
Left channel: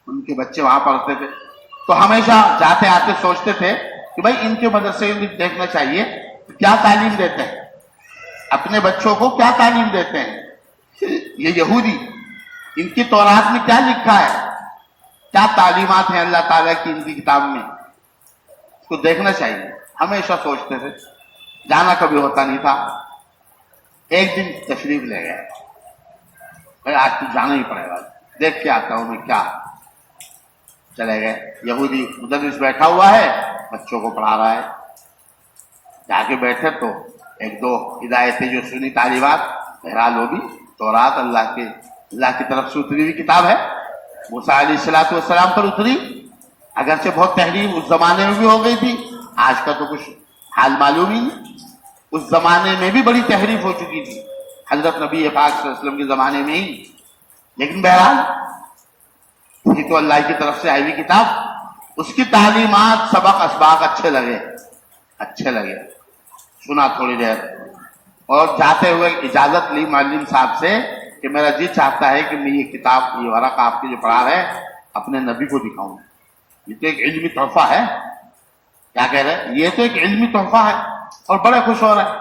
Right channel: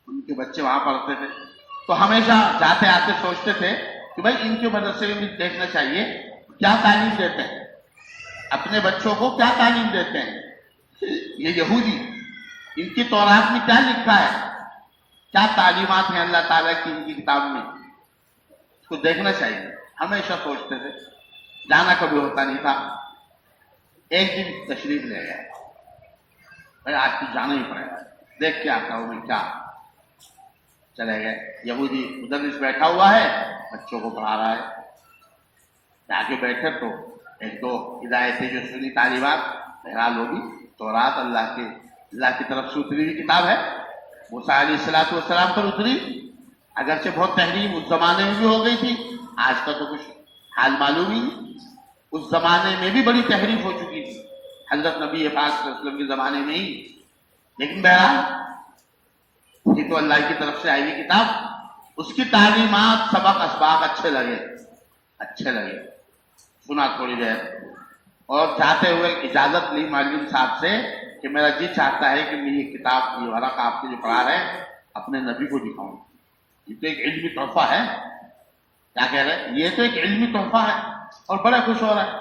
ان کے بچے وہاں پڑھتے تھے۔ تو ہمیشہ جاتے آتے سوچتے تھے کہ بھائی ان کے مدرسے میں دیکھنا چاہیے کیا تعلیم دیتے ہیں، اپنے بچوں کو کیا تعلیم دیتے ہیں یہ یہودی، ان کی تورات میں کیا لکھا ہے، کیا تعلیمات ہیں اللہ تعالیٰ کی ان کی کتاب میں، اس کو دیکھنا چاہیے۔ ہمیشہ سوچتے تھے، جانا کبھی ہوتا نہیں تھا۔ ایک دن تشریف لے گئے، بھائی آج تو جانا ہی پڑے گا، دیکھ کے آتا ہوں میں کیا۔ چلے گئے، یہودی مدرس بیٹھا ہوا ہے، بچوں کو پڑھا رہا ہے۔ جا کے بیٹھے تو ایک دو ہدایتیں جو سنی تعلیمات، بہرحال وہ بھی تورات اللہ کی طرف سے اتری ہوئی کتاب ہے، موسیٰ علیہ السلام پر اتری، اگرچہ بہت تحریف اس زمانے میں بھی ہو گئی تھی، آج کا تو کچھ حال معلوم ہی نہیں، اس زمانے میں بھی بڑی تحریف ہو چکی تھی، حضرت نبی پاک صلی اللہ علیہ وسلم کے زمانے میں ہی، لیکن بہرحال یہ تو اللہ کی طرف سے آئی ہوئی کتاب، اس کی تعلیمات، سبق اسباق اچھے لگے، سنا تھوڑی دیر، اور جاتے ہوئے اجازت لی معلم صاحب سے کہ میرا جی چاہتا ہے کہ میں یہ کتاب، یہ ورق آپ کے جو پڑھا رہے ہیں اپنے نبی کو دکھاؤں، یہ تو ایک علمی تحفہ ہے۔ کیا کہہ رہے ہیں؟ یہ تو ایک علمی تحفہ ہے، اور بڑے خوش ہو رہے ہیں،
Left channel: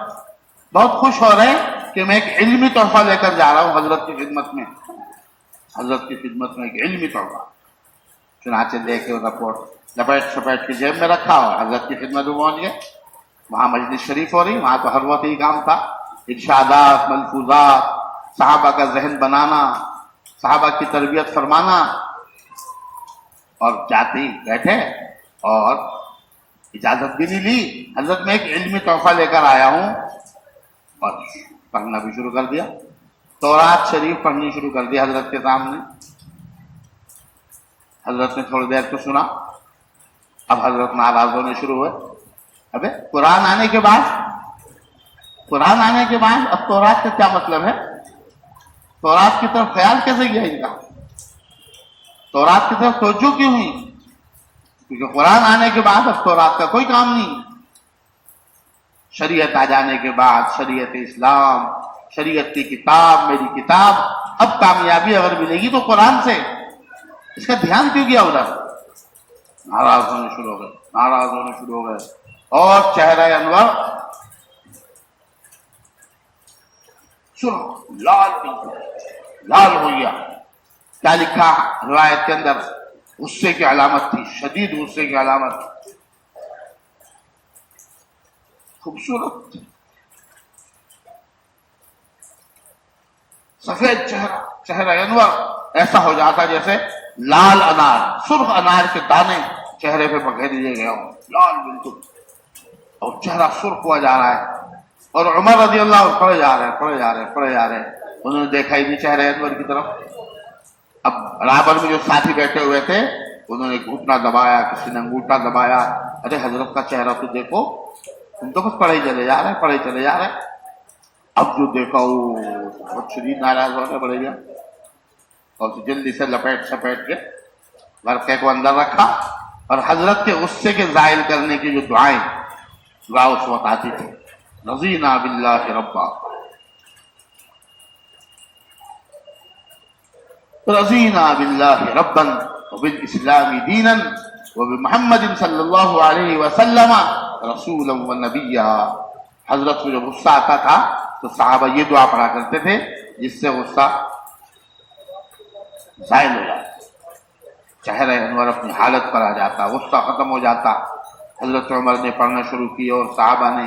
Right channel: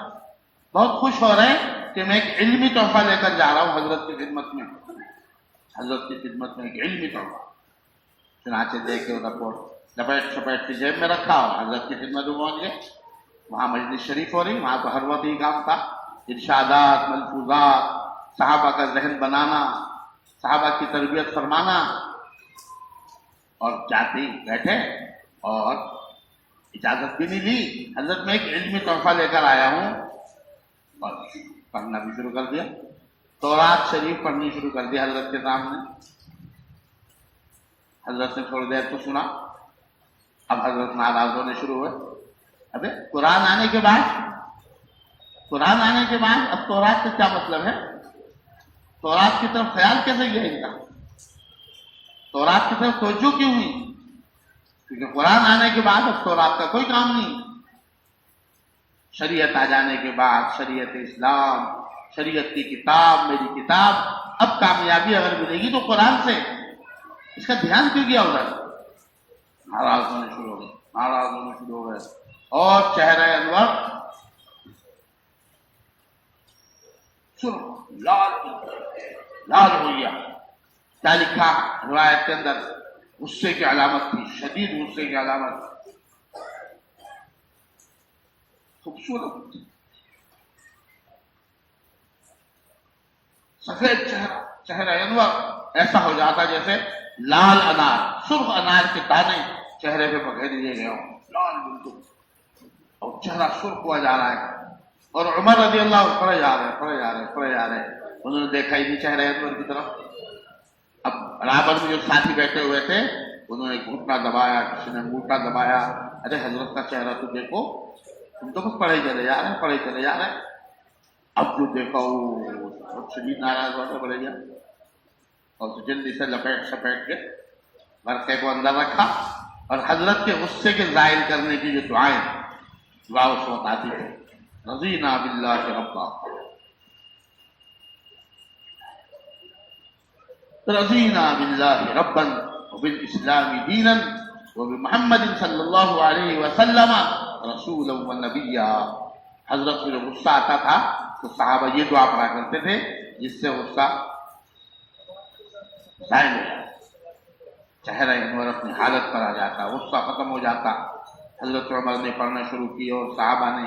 بہت خوش ہو رہے ہیں کہ میں ایک علمی تحفہ لے کر جا رہا ہوں حضرت کی خدمت میں، ایک علمی تحفہ۔ چنانچہ لے کے رپورٹ لپیٹ کے جیب میں رکھا اور حضرت کی خدمت میں پہنچ گئے۔ وہاں مجلس شریف ہو رہی، وہاں تو ہر وقت ہی کام تھا، ارشادات، ملفوظات، صحابہ کا ذہن بنانا، صحابہ کی تربیت فرمانا، اور جاتے ہی بیٹھے اور اجازت بھی نہیں لی، حضرت میں ایک علمی تحفہ لے کر آیا ہوں، اور پڑھنا بھی شروع کر دیا، تورات شریف پڑھنی شروع کر دی حضرت کے سامنے۔ حضرت نے تھوڑی دیر تو سنا، اب حضرت ناراض ہونے شروع ہوئے، ابے قرآن آنے کے بعد اب تورات کا کیا مطلب ہے، تورات کی طرف خیال کیسے گیا ان کا، تورات کی طرف توجہ کیوں ہوئی، کیونکہ قرآن آنے کے بعد اب تورات کا کوئی کام نہیں، شریعت آ جانے کے بعد، شریعت اسلام، شریعت کی کتاب، میری کتاب، اب کامیابی اگر ملے گی تو قرآن سے، اس کا دھیان کیوں گیا ادھر؟ ناراض ہونے شروع ہو گئے، اور چہرہ انور سنو لال ہو گیا۔ کیا لکھا روایت کے اندر؟ غصے کی علامت تھی، شدید غصے کی علامت، خوبصورت سفید چہرہ انور، ایسا ہو جاتا جیسے لال انار، سرخ انار کے دانے چہرے پہ پکڑ لیے گئے ہوں، لال بالکل، اور چہرہ سرخ ہوا جا رہا ہے، اور عمر رضی اللہ عنہ پڑے جا رہے ہیں، انہوں نے دیکھا ہی نہیں چہرہ انور کی طرف۔ اب برابر میں جو ساتھی بیٹھے ہوئے تھے انہوں نے گھٹنا دبایا، کسی نے انگوٹھا دبایا، ارے حضرت کا چہرہ تو دیکھو، تم تو کچھ پڑھے ہی چلے جا رہے ہیں۔ اب جو دیکھا وہ بہت شدید ناراض ہونے پڑے گا، اور جلدی سے لپیٹ کے ورقے کو اندر رکھا، اور حضرت کے غصے کے زائل کرنے کی جو دعا اس وقت آتی تھی، رضینا باللہ ربا، رضینا باللہ ربا وبالاسلام دینا وبمحمد صلی اللہ علیہ وسلم رسولا ونبیا۔ حضرت کو جو غصہ آتا تھا تو صحابہ یہ دعا پڑھا کرتے تھے جس سے غصہ زائل ہو جاتا، چہرہ انور اپنی حالت پر آ جاتا، غصہ ختم ہو جاتا۔ حضرت عمر نے پڑھنا شروع کی اور صحابہ نے،